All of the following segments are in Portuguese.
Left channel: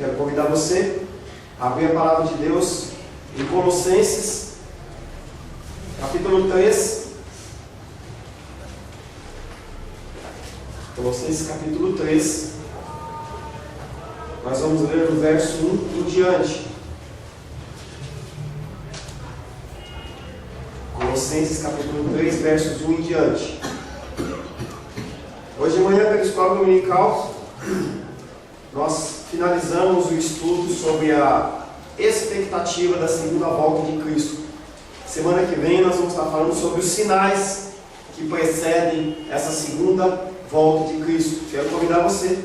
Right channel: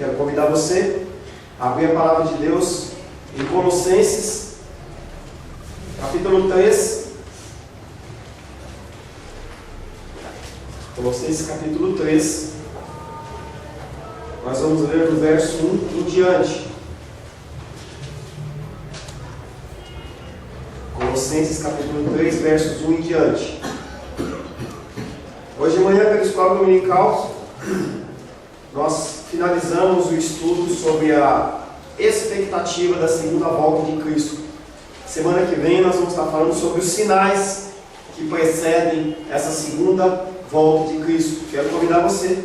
Quero convidar você a abrir a palavra de Deus em Colossenses, capítulo 3. Colossenses, capítulo 3. Nós vamos ler do verso 1 em diante. Colossenses, capítulo 3, versos 1 em diante. Hoje de manhã, pela escola dominical, nós finalizamos o estudo sobre a expectativa da segunda volta de Cristo. Semana que vem nós vamos estar falando sobre os sinais que precedem essa segunda volta de Cristo. Quero convidar você,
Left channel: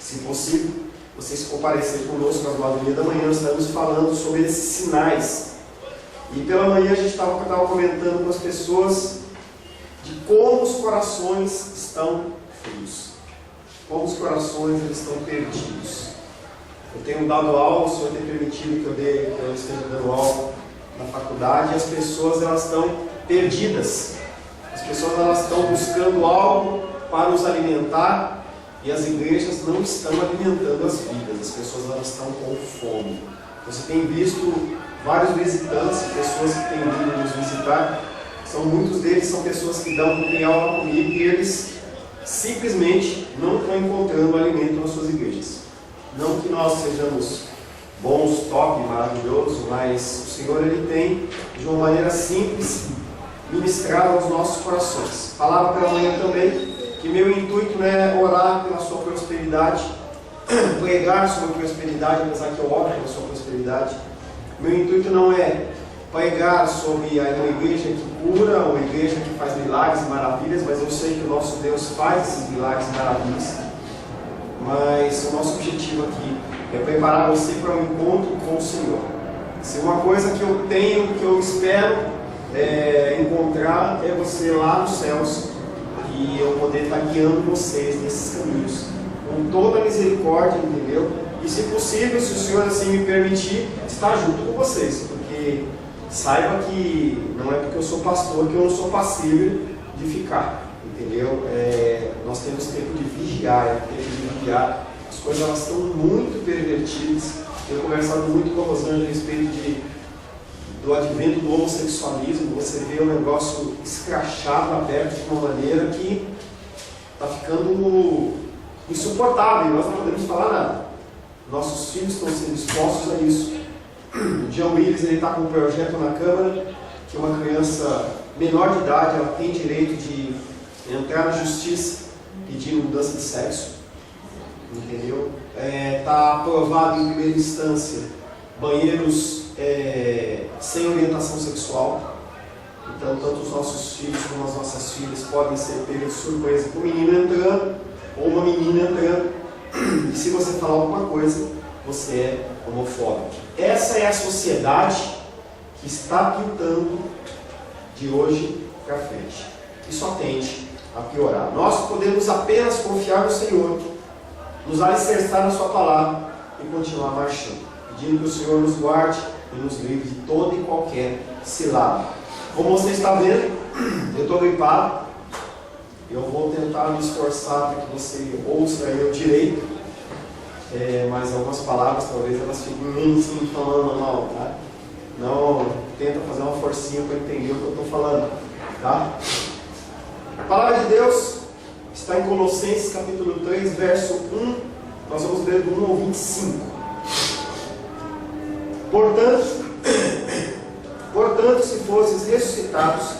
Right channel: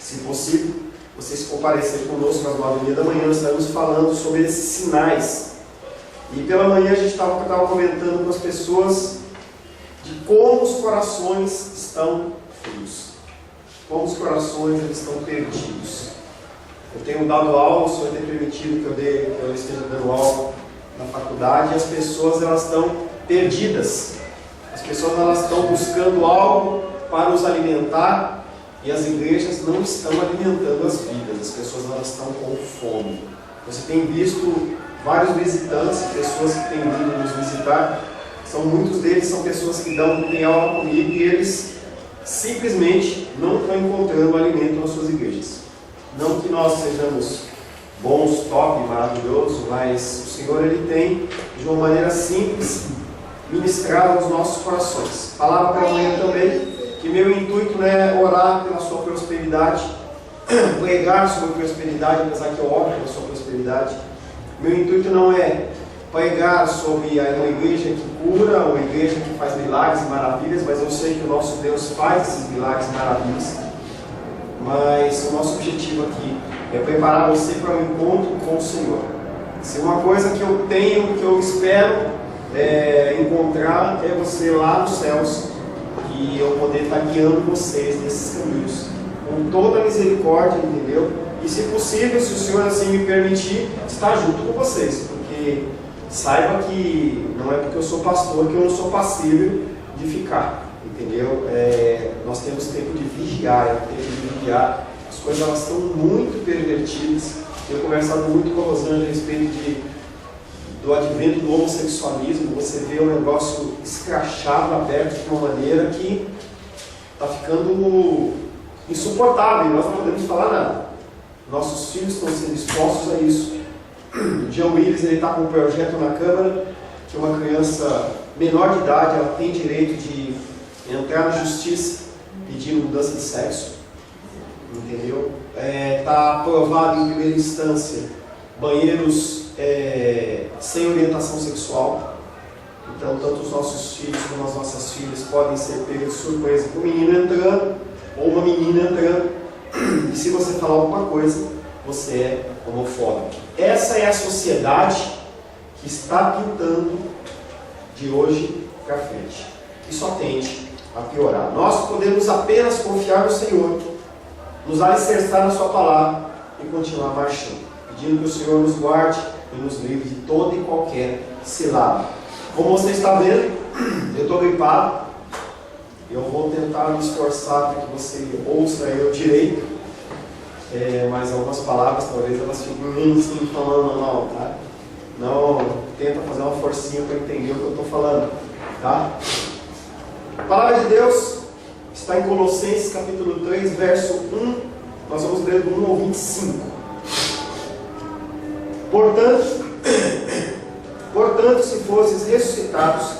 se possível, você se comparecer conosco às 9h30 da manhã. Nós estaremos falando sobre esses sinais. E pela manhã a gente estava comentando com as pessoas de como os corações estão frios, como os corações eles estão perdidos. Eu tenho dado aula, o Senhor tem permitido que eu esteja dando aula na faculdade, e as pessoas elas estão perdidas. As pessoas elas estão buscando algo para os alimentar, e as igrejas não estão alimentando as vidas. As pessoas elas estão com fome. Você tem visto vários visitantes, pessoas que têm vindo nos visitar. Muitos deles são pessoas que têm aula comigo e eles simplesmente não estão encontrando alimento nas suas igrejas. Não que nós sejamos bons, top, maravilhosos, mas o Senhor ele tem, de uma maneira simples, ministrado aos nossos corações. Falava pela manhã também que meu intuito não é orar pela sua prosperidade, pregar sobre prosperidade, apesar que eu oro pela sua prosperidade. Meu intuito não é pregar sobre uma igreja que cura, uma igreja que faz milagres e maravilhas, mas eu sei que o nosso Deus faz esses milagres e maravilhas. Mas o nosso objetivo aqui é preparar você para um encontro com o Senhor. Se uma coisa que eu tenho, que eu espero encontrar, é você lá nos céus, e eu poder estar guiando vocês nesses caminhos, com toda a misericórdia, entendeu? E se possível, se o Senhor assim me permitir, estar junto com vocês, porque saiba que não é porque eu sou pastor que eu não sou passível de ficar, entendeu? Nós temos tempo de vigiar, as coisas elas estão muito pervertidas. Tenho conversado muito com a Rosângela a respeito do advento do homossexualismo. Você vê o negócio escrachado, aberto de uma maneira que está ficando insuportável, e nós não podemos falar nada. Nossos filhos estão sendo expostos a isso. O John Willis está com um projeto na Câmara que uma criança menor de idade ela tem direito de entrar na justiça pedindo mudança de sexo, entendeu? Está aprovado em primeira instância banheiros sem orientação sexual. Então tanto os nossos filhos como as nossas filhas podem ser pegos de surpresa com um menino entrando ou uma menina entrando, e se você falar alguma coisa, você é homofóbico. Essa é a sociedade que está pintando de hoje para frente. E só tende a piorar. Nós podemos apenas confiar no Senhor, nos alicerçar na sua palavra e continuar marchando, pedindo que o Senhor nos guarde e nos livre de toda e qualquer cilada. Como você está vendo, eu estou gripado. Eu vou tentar me esforçar para que você ouça eu direito. Mas algumas palavras, talvez elas fiquem assim, falando mal, tá? Não, tenta fazer uma forcinha para entender o que eu estou falando, tá? A palavra de Deus está em Colossenses, capítulo 3, verso 1. Nós vamos ler do 1 ao 25. Portanto, se fosses ressuscitados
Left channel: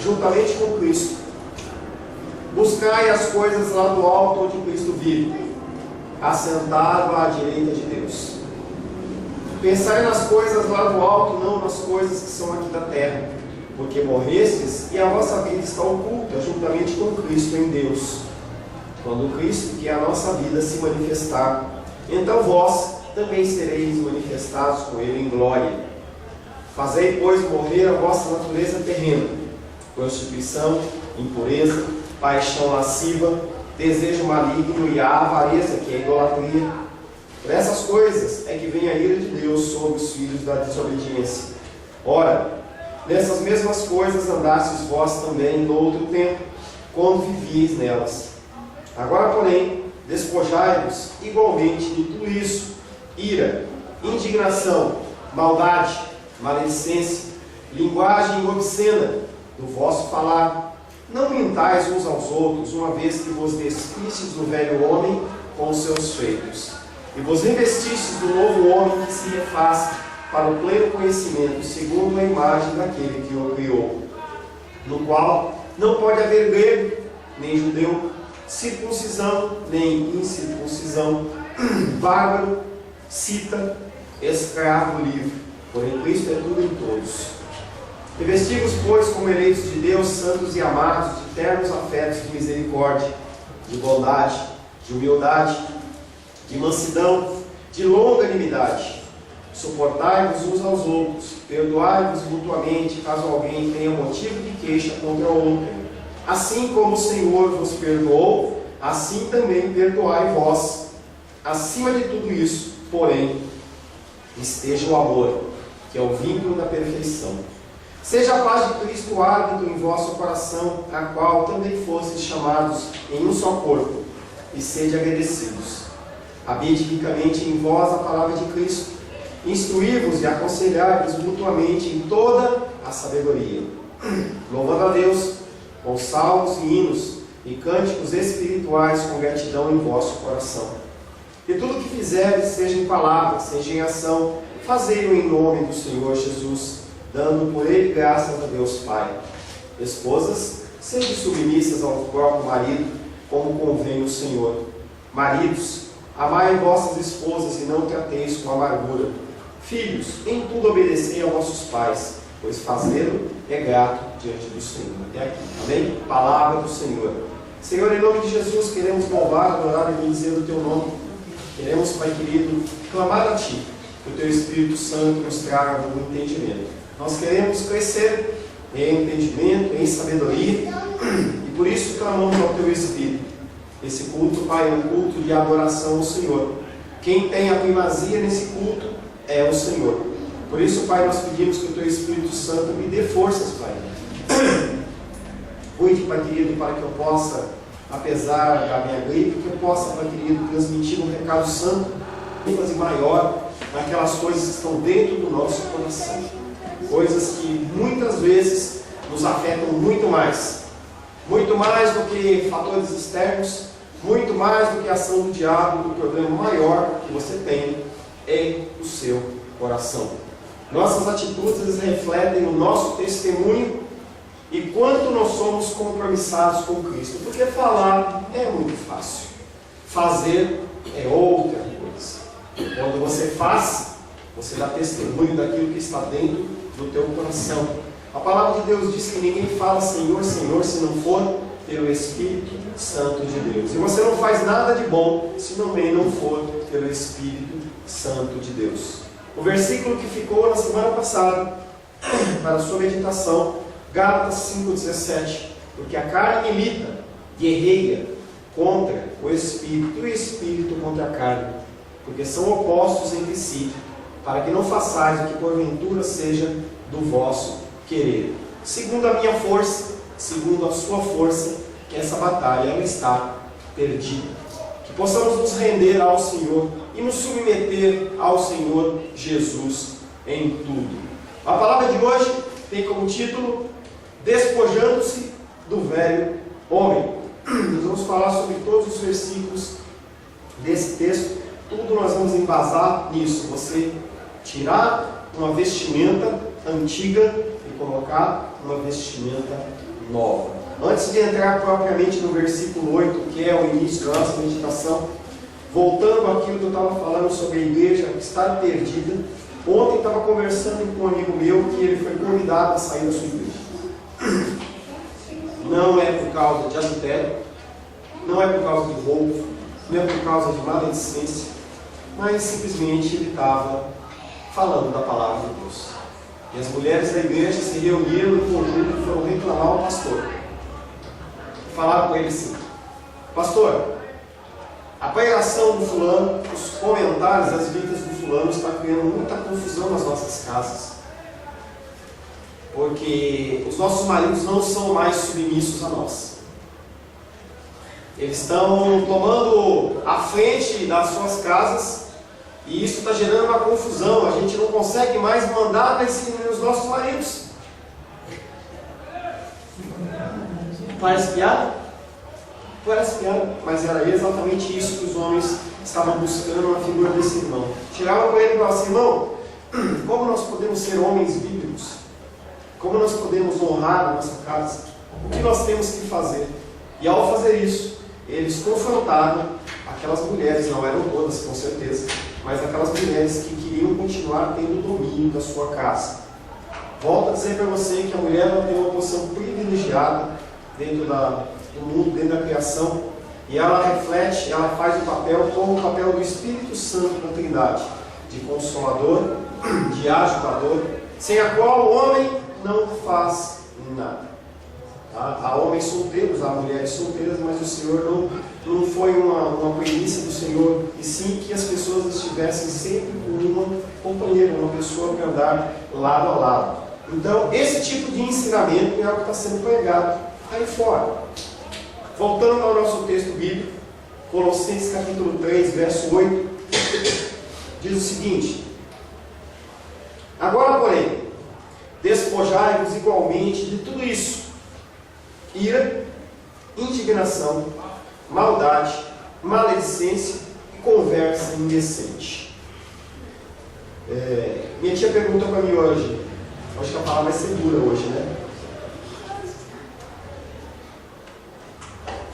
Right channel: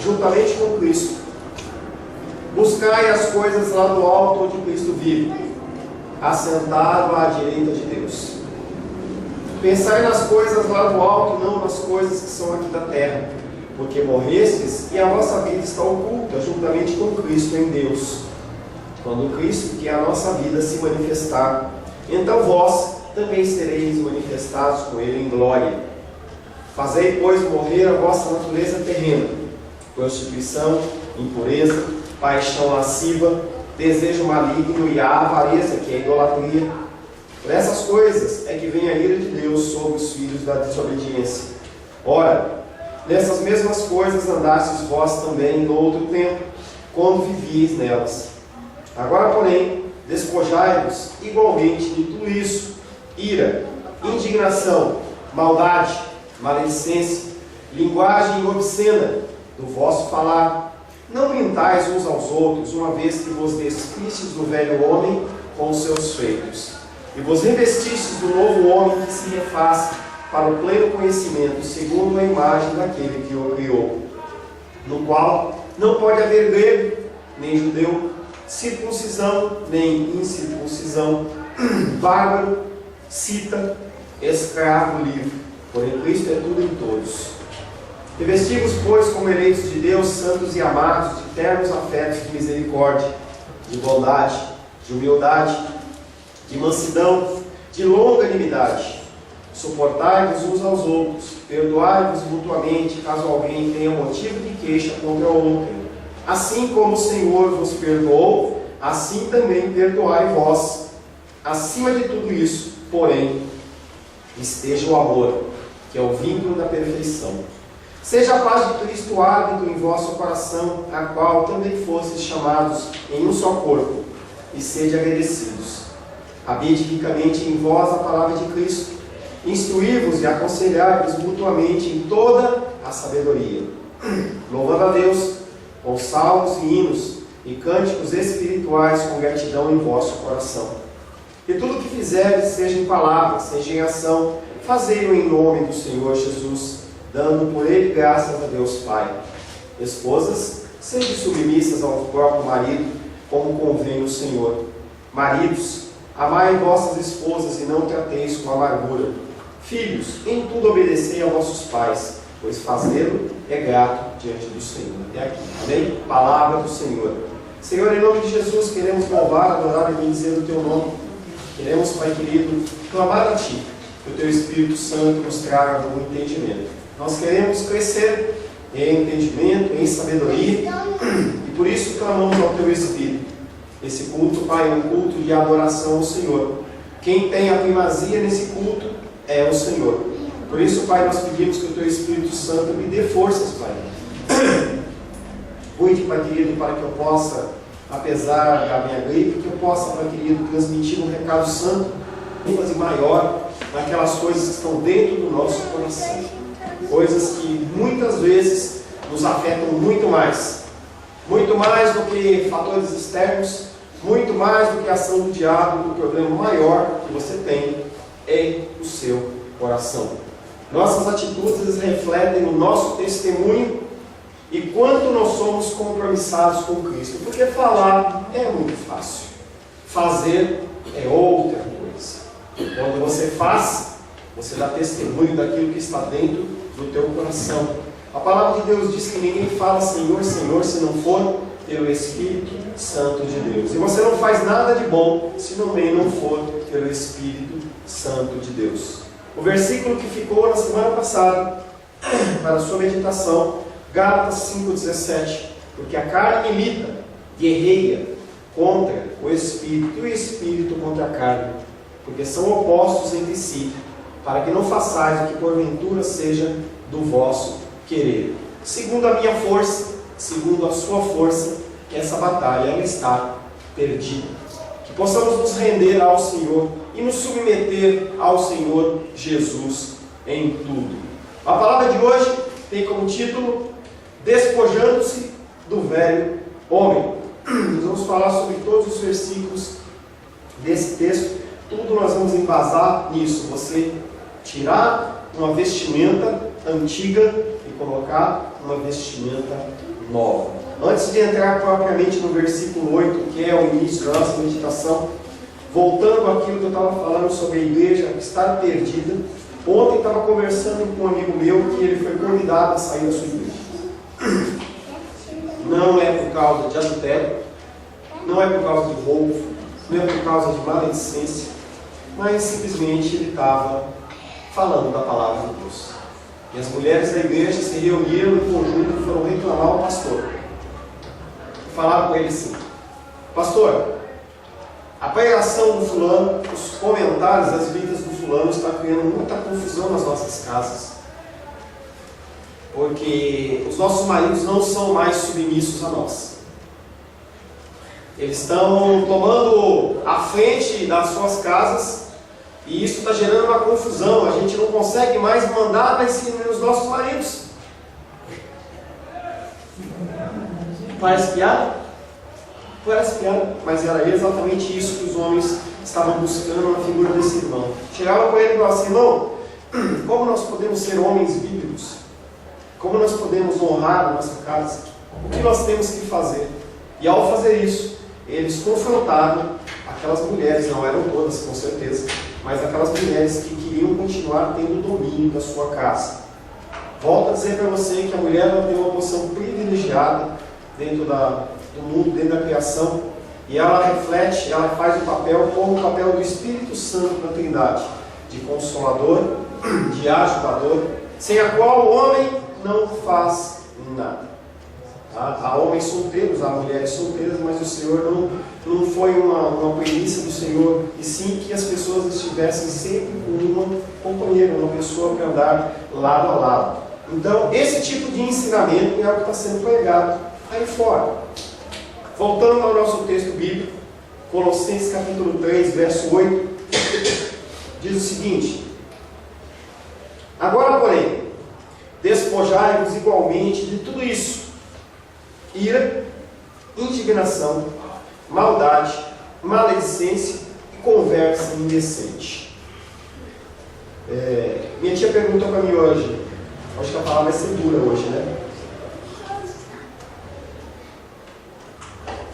juntamente com Cristo, buscai as coisas lá do alto onde Cristo vive, assentado à direita de Deus. Pensai nas coisas lá do alto, não nas coisas que são aqui da terra, porque morrestes e a vossa vida está oculta juntamente com Cristo em Deus. Quando Cristo, que é a nossa vida, se manifestar, então vós também sereis manifestados com Ele em glória. Fazei, pois, morrer a vossa natureza terrena, prostituição, impureza, paixão lasciva, desejo maligno e a avareza, que é a idolatria. Por essas coisas é que vem a ira de Deus sobre os filhos da desobediência. Ora, nessas mesmas coisas andastes vós também no outro tempo, quando vivíeis nelas. Agora, porém, despojai-vos igualmente de tudo isso: ira, indignação, maldade, maledicência, linguagem obscena do vosso falar. Não mintais uns aos outros, uma vez que vos despistes do velho homem com os seus feitos, e vos revestistes do novo homem que se refaz para o pleno conhecimento, segundo a imagem daquele que o criou, no qual não pode haver grego, nem judeu, circuncisão, nem incircuncisão, bárbaro, cita, escravo, livre, porém Cristo é tudo em todos. Revestimos, pois, como eleitos de Deus, santos e amados, de ternos afetos de misericórdia, de bondade, de humildade, de mansidão, de longanimidade. Suportai-vos uns aos outros, perdoai-vos mutuamente, caso alguém tenha motivo de queixa contra o outro. Assim como o Senhor vos perdoou, assim também perdoai vós. Acima de tudo isso, porém, esteja o amor, que é o vínculo da perfeição. Seja a paz de Cristo árbitro em vosso coração, a qual também fostes chamados em um só corpo, e sede agradecidos. Habite ricamente em vós a palavra de Cristo, instruí-vos e aconselhai-vos mutuamente em toda a sabedoria, louvando a Deus com salmos e hinos e cânticos espirituais com gratidão em vosso coração. E tudo o que fizerdes, seja em palavra, seja em ação, fazei-o em nome do Senhor Jesus, dando por ele graças a Deus Pai. Esposas, sede submissas ao próprio marido, como convém o Senhor. Maridos, amai vossas esposas e não trateis com amargura. Filhos, em tudo obedecei a vossos pais, pois fazê-lo é grato diante do Senhor. Até aqui, amém? Palavra do Senhor. Senhor, em nome de Jesus, queremos louvar, adorar e bendizer o Teu nome. Queremos, Pai querido, clamar a Ti, que o Teu Espírito Santo nos traga o entendimento. Nós queremos crescer em entendimento, em sabedoria, e por isso clamamos ao Teu Espírito. Esse culto, Pai, é um culto de adoração ao Senhor. Quem tem a primazia nesse culto é o Senhor. Por isso, Pai, nós pedimos que o Teu Espírito Santo me dê forças, Pai. Cuide, Pai querido, para que eu possa, apesar da minha gripe, que eu possa, Pai querido, transmitir um recado santo, ênfase maior naquelas coisas que estão dentro do nosso coração. Coisas que muitas vezes nos afetam muito mais do que fatores externos, muito mais do que a ação do diabo. O problema maior que você tem é o seu coração. Nossas atitudes refletem o nosso testemunho e quanto nós somos compromissados com Cristo. Porque falar é muito fácil, fazer é outra coisa. Quando você faz, você dá testemunho daquilo que está dentro do teu coração. A palavra de Deus diz que ninguém fala Senhor, Senhor, se não for pelo Espírito Santo de Deus. E você não faz nada de bom se também não for pelo Espírito Santo de Deus. O versículo que ficou na semana passada, para a sua meditação, Gálatas 5,17. Porque a carne milita, guerreia contra o Espírito, e o Espírito contra a carne, porque são opostos entre si, para que não façais o que porventura seja do vosso querer. Segundo a minha força, segundo a sua força, que essa batalha ela está perdida. Que possamos nos render ao Senhor e nos submeter ao Senhor Jesus em tudo. A palavra de hoje tem como título Despojando-se do velho homem. Nós vamos falar sobre todos os versículos desse texto. Tudo nós vamos embasar nisso. Você tirar uma vestimenta antiga e colocar uma vestimenta nova. Antes de entrar propriamente no versículo 8, que é o início da nossa meditação, voltando àquilo que eu estava falando sobre a igreja que está perdida. Ontem estava conversando com um amigo meu que ele foi convidado a sair da sua igreja. Não é por causa de adultério, não é por causa de roubo, não é por causa de maledicência, mas simplesmente ele estava falando da palavra de Deus. E as mulheres da igreja se reuniram em conjunto e foram reclamar ao pastor. Falaram com ele assim: pastor, a pregação do fulano, os comentários, as vidas do fulano está criando muita confusão nas nossas casas. Porque os nossos maridos não são mais submissos a nós. Eles estão tomando a frente das suas casas E isso está gerando uma confusão. A gente não consegue mais mandar nos nossos maridos. Parece piada? Parece piada, mas era exatamente isso que os homens estavam buscando na figura desse irmão. Chegavam com ele e falavam assim: irmão, como nós podemos ser homens bíblicos? Como nós podemos honrar a nossa casa? O que nós temos que fazer? E ao fazer isso, eles confrontaram aquelas mulheres, não eram todas com certeza, mas aquelas mulheres que queriam continuar tendo o domínio da sua casa. Volto a dizer para você que a mulher ela tem uma posição privilegiada dentro do mundo, dentro da criação, e ela reflete, ela faz o papel como o papel do Espírito Santo na Trindade, de consolador, de ajudador, sem a qual o homem não faz nada. Há homens solteiros, há mulheres solteiras, mas o Senhor não foi uma premissa do Senhor, e sim que as pessoas estivessem sempre com uma companheira, uma pessoa para andar lado a lado. Então, esse tipo de ensinamento é o que está sendo pregado aí fora. Voltando ao nosso texto bíblico, Colossenses capítulo 3, verso 8, diz o seguinte: agora, porém, despojai-vos igualmente de tudo isso: ira, indignação, maldade, maledicência e conversa indecente. Minha tia perguntou para mim hoje, acho que a palavra vai ser dura hoje, né?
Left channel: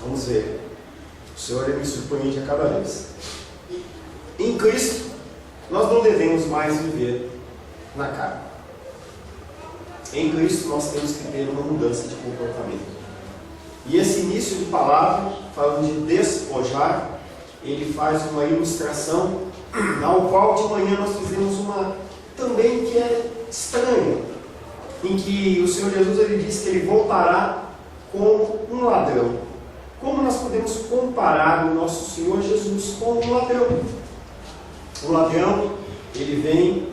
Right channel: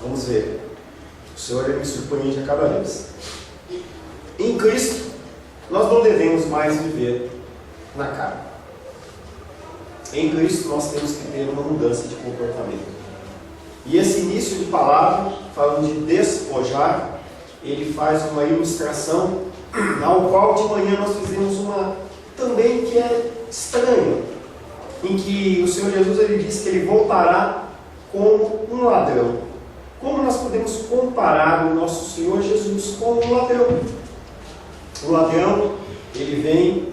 Vamos ver. O Senhor me surpreende a cada vez. Em Cristo, nós não devemos mais viver na carne. Em Cristo, nós temos que ter uma mudança de comportamento. E esse início de palavra, falando de despojar, ele faz uma ilustração, ao qual de manhã nós fizemos uma também que é estranha, em que o Senhor Jesus ele diz que ele voltará como um ladrão. Como nós podemos comparar o nosso Senhor Jesus com um ladrão? O ladrão, ele vem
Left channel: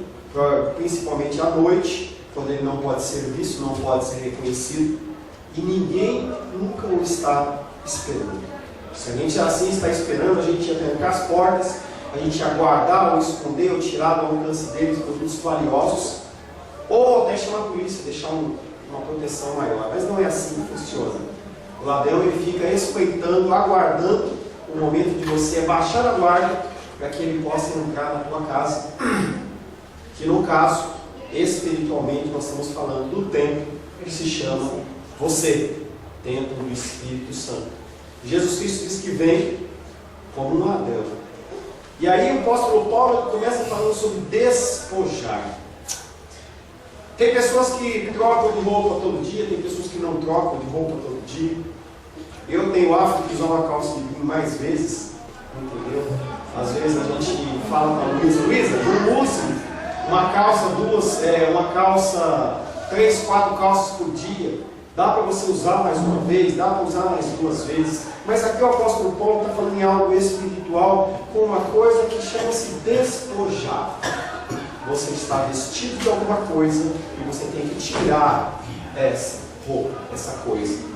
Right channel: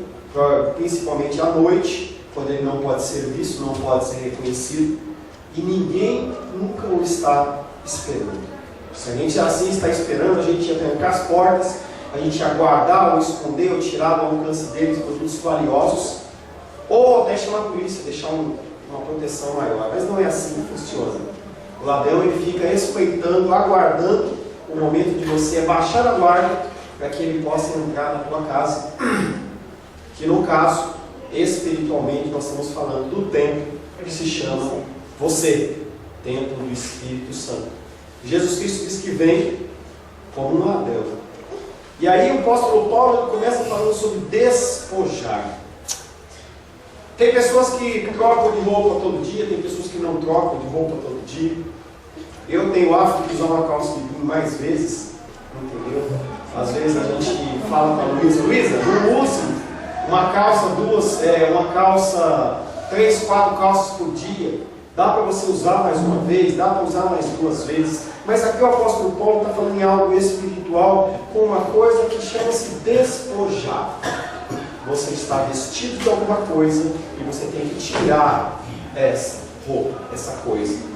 principalmente à noite, quando ele não pode ser visto, não pode ser reconhecido, e ninguém nunca o está esperando. Se a gente assim está esperando, a gente ia trancar as portas, a gente ia guardar ou esconder ou tirar do alcance deles produtos valiosos, ou até chamar a polícia, deixar uma proteção maior. Mas não é assim que funciona. O ladrão ele fica espreitando, aguardando o momento de você baixar a guarda para que ele possa entrar na tua casa. Que no caso, espiritualmente, nós estamos falando do templo que se chama você, templo do Espírito Santo. Jesus Cristo diz que vem como um ladrão. E aí o apóstolo Paulo começa falando sobre despojar. Tem pessoas que trocam de roupa todo dia, tem pessoas que não trocam de roupa todo dia. Eu tenho o hábito de usar uma calça de vinho mais vezes, entendeu? Às vezes a gente fala para a Luísa, não use uma calça, 3, 4 calças por dia. Dá para você usar mais uma vez, dá para usar mais 2 vezes. Mas aqui o apóstolo Paulo está falando em algo espiritual, com uma coisa que chama-se despojar. Você está vestido de alguma coisa e você tem que tirar essa roupa, essa coisa.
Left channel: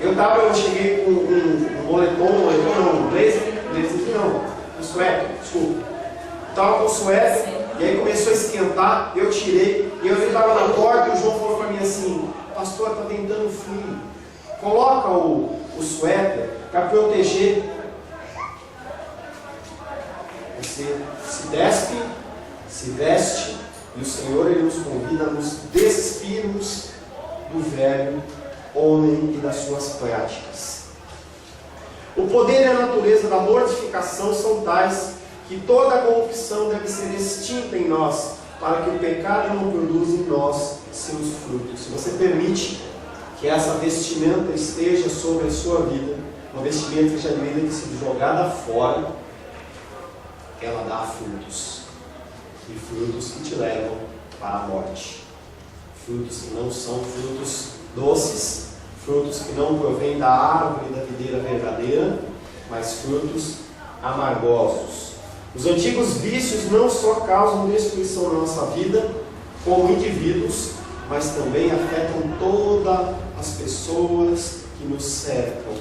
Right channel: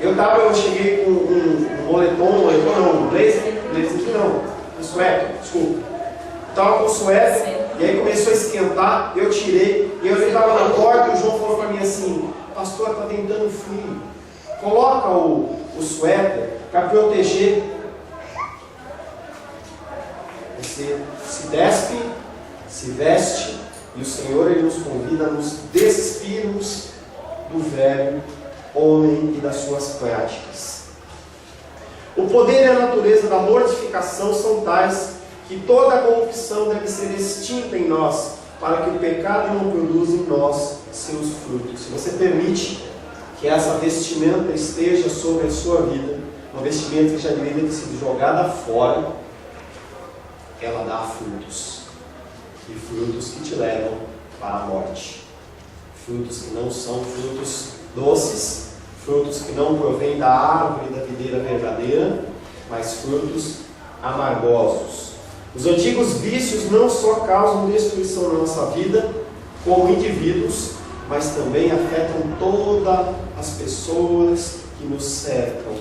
Eu cheguei com um suéter, desculpa. Estava com o suéter e aí começou a esquentar, eu tirei e eu estava na porta e o João falou para mim assim: pastor, está ventando frio, coloca o suéter para proteger. Você se despe, se veste, e o Senhor ele nos convida a nos despirmos do velho homem e das suas práticas. O poder e a natureza da mortificação são tais que toda a corrupção deve ser extinta em nós, para que o pecado não produza em nós seus frutos. Se você permite que essa vestimenta esteja sobre a sua vida, uma vestimenta que já deveria ter sido jogada fora, ela dá frutos. E frutos que te levam para a morte. Frutos que não são frutos doces, frutos que não provêm da árvore da videira verdadeira, mas frutos amargosos. Os antigos vícios não só causam destruição na nossa vida, como indivíduos, mas também afetam todas as pessoas que nos cercam.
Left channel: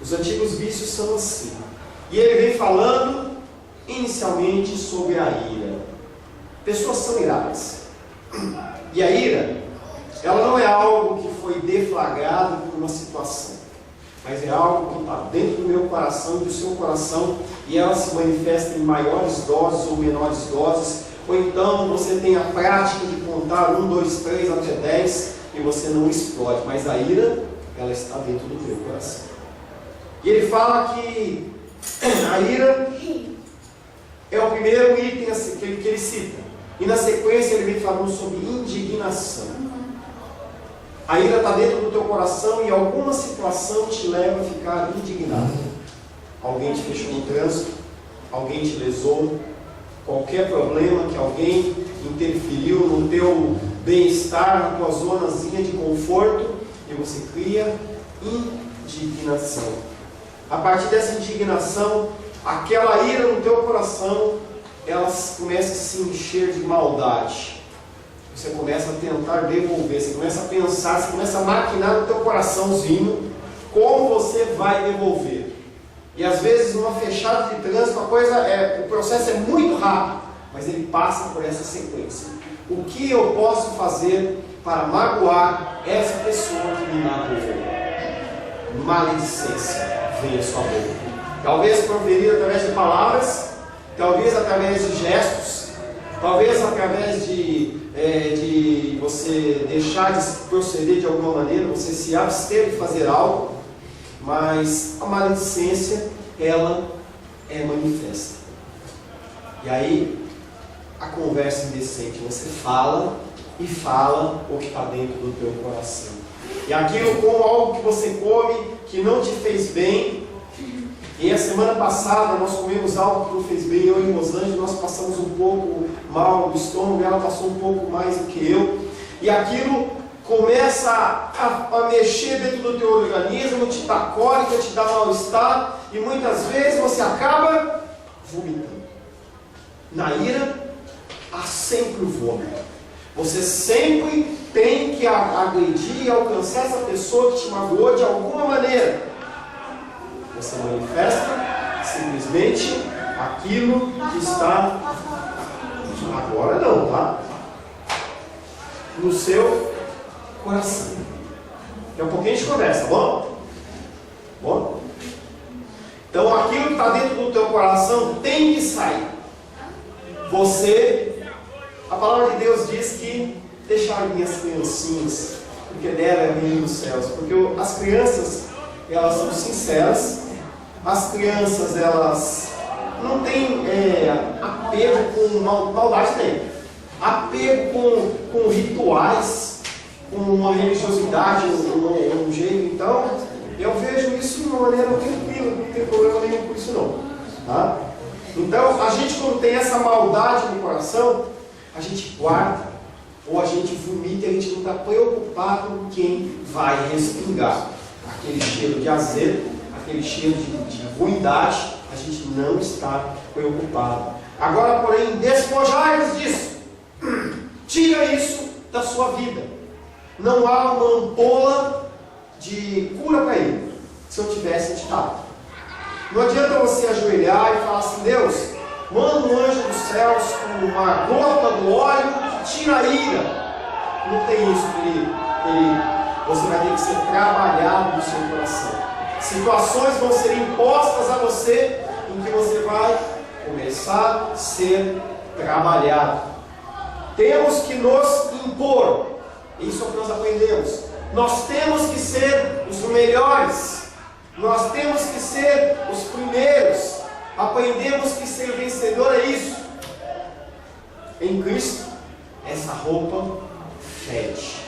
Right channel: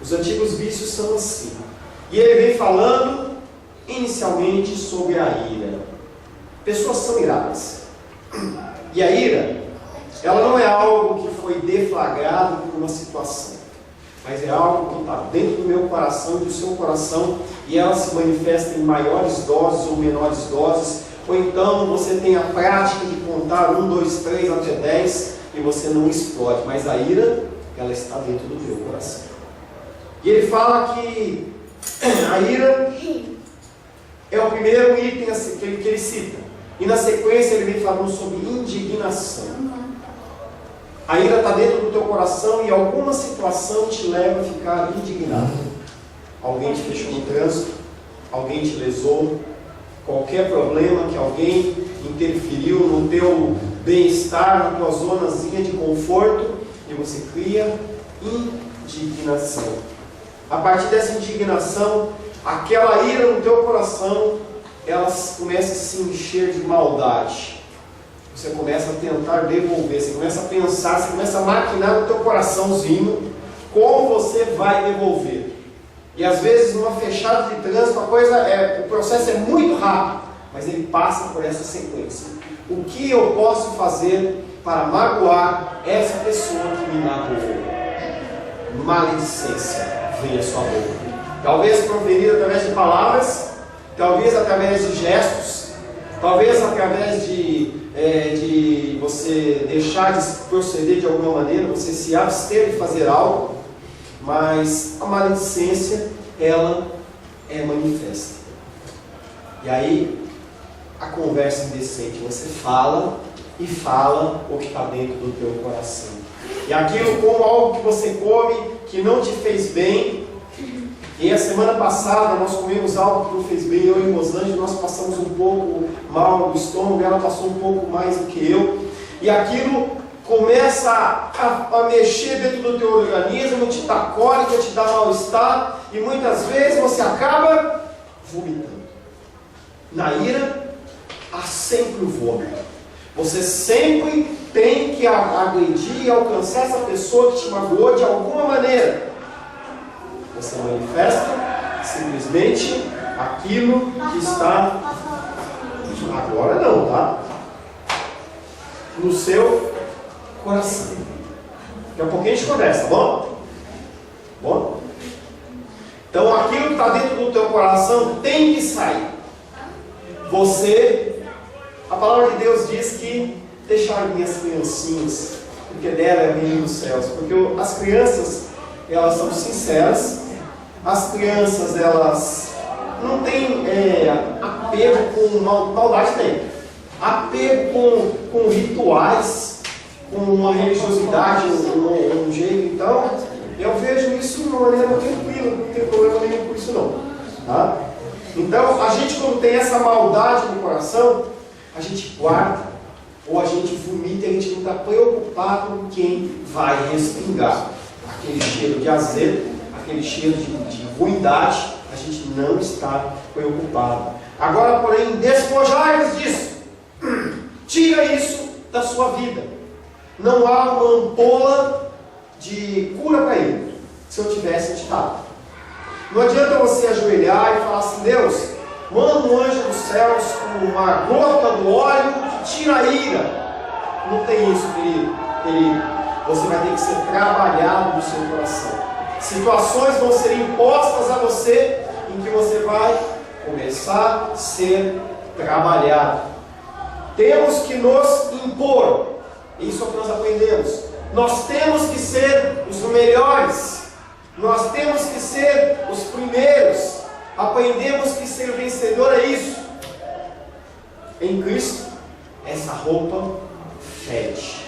Os antigos vícios são assim. E ele vem falando inicialmente sobre a ira. Pessoas são iradas. E a ira, ela não é algo que foi deflagrado por uma situação, mas é algo que está dentro do meu coração e do seu coração, e ela se manifesta em maiores doses ou menores doses, ou então você tem a prática de contar 1, 2, 3 até 10 e você não explode, mas a ira, ela está dentro do meu coração. E ele fala que a ira é o primeiro item que ele cita, e na sequência ele vem falando sobre indignação. A ira está dentro do teu coração e alguma situação te leva a ficar indignado. Alguém te fechou no trânsito, alguém te lesou, qualquer problema que alguém interferiu no teu bem-estar, na tua zonazinha de conforto, e você cria indignação. A partir dessa indignação, aquela ira no teu coração, ela começa a se encher de maldade. Você começa a tentar devolver, você começa a pensar, você começa a maquinar no teu coraçãozinho como você vai devolver. E às vezes numa fechada de trânsito o processo é muito rápido, mas ele passa por essa sequência. O que eu posso fazer para magoar essa pessoa que me magoou? Maledicência vem à sua boca. Talvez proferida através de palavras, talvez através de gestos, talvez através de você deixar de proceder de alguma maneira, você se abster de fazer algo, mas a maledicência, ela é manifesta. E aí, a conversa indecente, você fala e fala o que está dentro do teu coração. E aquilo como algo que você come, que não te fez bem. E a semana passada nós comemos algo que não fez bem, eu e Rosângela, nós passamos um pouco mal no estômago, ela passou um pouco mais do que eu. E aquilo começa a mexer dentro do teu organismo, te dá cólica, te dá mal-estar, e muitas vezes você acaba vomitando. Na ira, há sempre o vômito. Você sempre tem que agredir e alcançar essa pessoa que te magoou de alguma maneira. Você manifesta simplesmente aquilo que está, agora não, tá? No seu coração. Daqui a pouquinho a gente conversa, tá bom? Bom? Então aquilo que está dentro do teu coração tem que sair. A palavra de Deus diz que deixar minhas criancinhas, porque dela é o reino dos céus. Porque as crianças, elas são sinceras. As crianças, elas não têm apego com maldade, tem. Apego com rituais, com uma religiosidade, um jeito. Então, eu vejo isso de uma maneira tranquila, não tem problema nenhum com isso não. Tá? Então, a gente quando tem essa maldade no coração, a gente guarda, ou a gente vomita e a gente não está preocupado com quem vai respingar. Aquele cheiro de azedo, aquele cheiro de ruindade, a gente não está preocupado. Agora, porém, despojai-vos disso. Tira isso da sua vida. Não há uma ampola de cura para ele. Se eu tivesse te dado. Não adianta você ajoelhar e falar assim: Deus, manda um anjo dos céus com uma gota do óleo que tira a ira. Não tem isso, querido. Você vai ter que ser trabalhado no seu coração. Situações vão ser impostas a você em que você vai começar a ser trabalhado. Temos que nos impor. Isso é o que nós aprendemos. Nós temos que ser os melhores. Nós temos que ser os primeiros. Aprendemos que ser vencedor é isso. Em Cristo, essa roupa fede.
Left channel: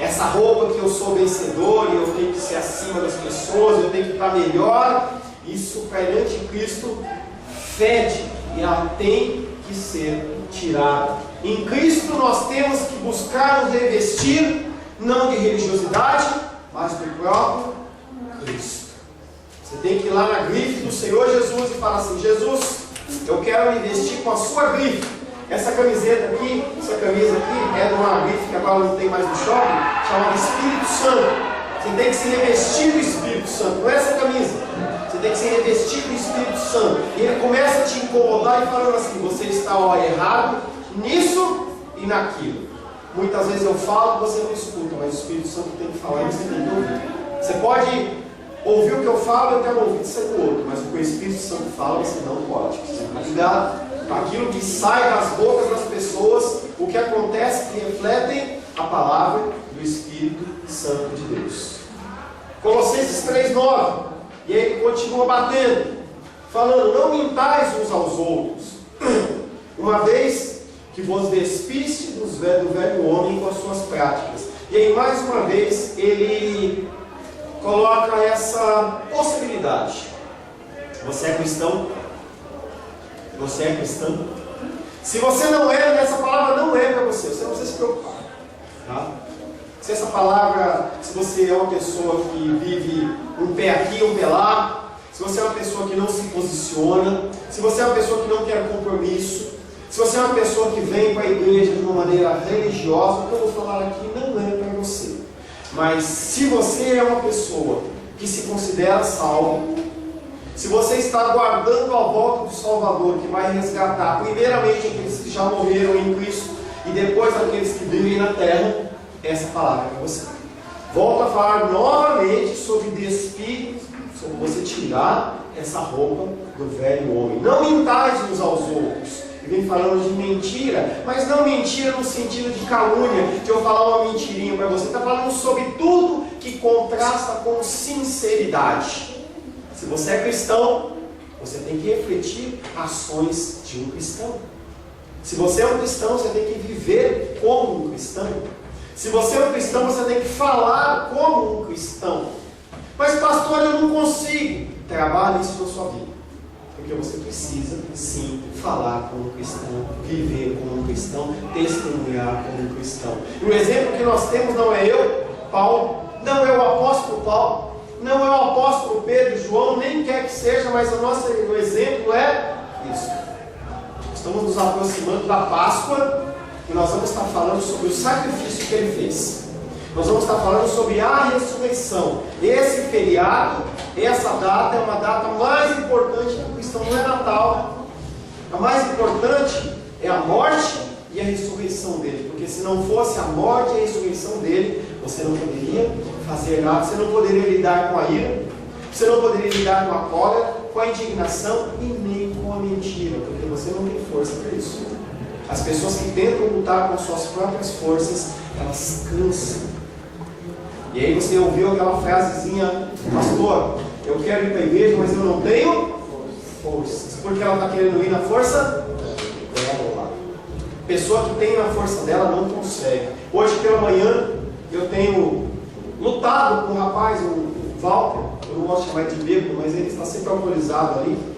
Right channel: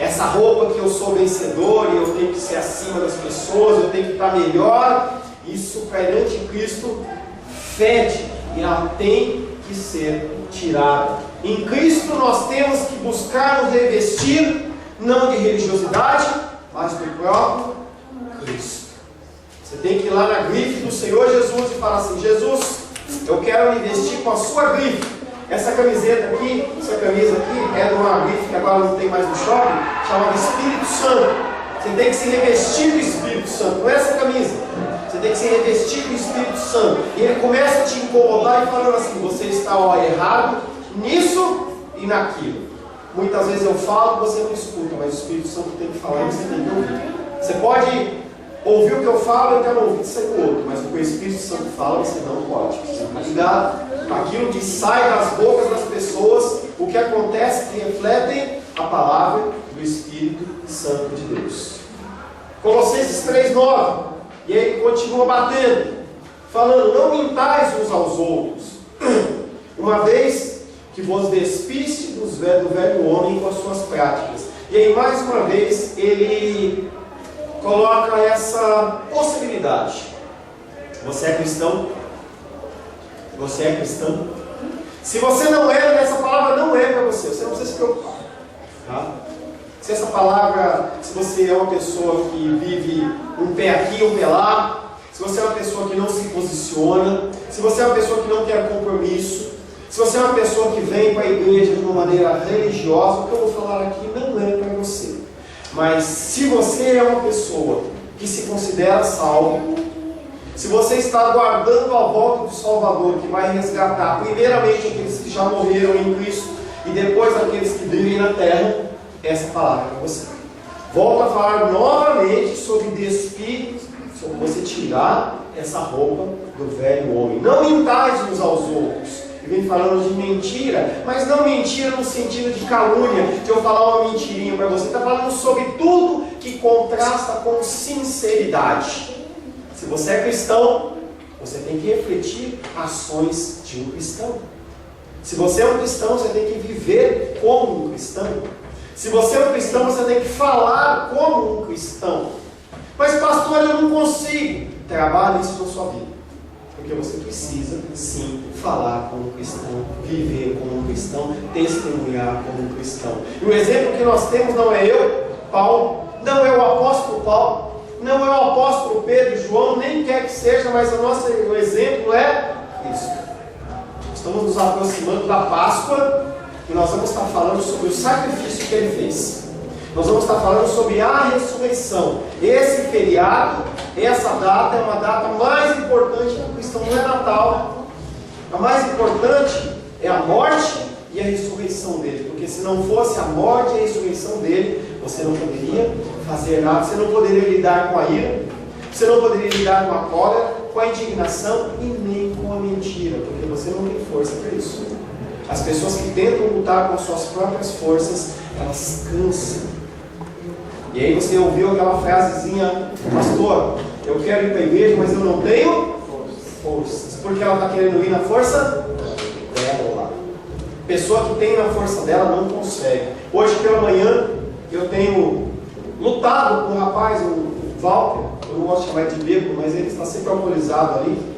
Essa roupa que eu sou vencedor e eu tenho que ser acima das pessoas, eu tenho que estar melhor, isso perante Cristo fede e ela tem que ser tirada. Em Cristo nós temos que buscar nos revestir, não de religiosidade, mas do próprio Cristo. Você tem que ir lá na grife do Senhor Jesus e falar assim: Jesus, eu quero me vestir com a sua grife. Essa camiseta aqui, essa camisa aqui é de uma grife que agora não tem mais no shopping, chamada Espírito Santo. Você tem que se revestir do Espírito Santo, não é essa camisa. Você tem que se revestir do Espírito Santo. E ele começa a te incomodar e falando assim: você está errado nisso e naquilo. Muitas vezes eu falo e você não escuta, mas o Espírito Santo tem que falar e você tem que ouvir. Você pode ouvir o que eu falo e eu quero ouvir de sair do outro, mas o que o Espírito Santo fala você não pode. Você está ligado? Aquilo que sai das bocas das pessoas, o que acontece que refletem a palavra do Espírito Santo de Deus. Colossenses 3,9. E aí ele continua batendo, falando: não mintais uns aos outros, uma vez que vos despiste do velho homem com as suas práticas. E aí mais uma vez ele coloca essa possibilidade. Você é cristão? Você é cristão? Se você não é, essa palavra não é para você. Você não precisa se preocupar, tá? Se essa palavra, se você é uma pessoa que vive um pé aqui, um pé lá, se você é uma pessoa que não se posiciona, se você é uma pessoa que não quer compromisso, se você é uma pessoa que vem para a igreja de uma maneira religiosa, o que eu vou falar aqui não é para você. Mas se você é uma pessoa que se considera salvo, se você está aguardando a volta do Salvador, que vai resgatar primeiramente aqueles que já morreram em Cristo e depois aqueles que vivem na terra, essa palavra é para você. Volto a falar novamente sobre despir, sobre você tirar essa roupa do velho homem. Não mintais uns aos outros. E vem falando de mentira, mas não mentira no sentido de calúnia, de eu falar uma mentirinha para você. Está falando sobre tudo que contrasta com sinceridade. Se você é cristão, você tem que refletir ações de um cristão. Se você é um cristão, você tem que viver como um cristão. Se você é um cristão, você tem que falar como um cristão. Mas pastor, eu não consigo. Trabalhe isso na sua vida. Porque você precisa, sim, falar como um cristão, viver como um cristão, testemunhar como um cristão. E o exemplo que nós temos não é eu, Paulo, não é o apóstolo Paulo, não é o apóstolo Pedro e João, nem quer que seja, mas o exemplo é isso. Estamos nos aproximando da Páscoa e nós vamos estar falando sobre o sacrifício que ele fez. Nós vamos estar falando sobre a ressurreição. Esse feriado, essa data é uma data mais importante para o cristão, não é Natal. A mais importante é a morte e a ressurreição dele. Porque se não fosse a morte e a ressurreição dele, você não poderia fazer nada, você não poderia lidar com a ira, você não poderia lidar com a cólera, com a indignação e nem com a mentira, porque você não tem força para isso. As pessoas que tentam lutar com suas próprias forças, elas cansam. E aí você ouviu aquela frasezinha: pastor, eu quero ir para a igreja, mas eu não tenho forças. Porque ela está querendo ir na força dela. Pessoa que tem na força dela não consegue. Hoje pela manhã eu tenho lutado com um rapaz, o Walter, eu não gosto de chamar de bêbado, mas ele está sempre alcoolizado ali.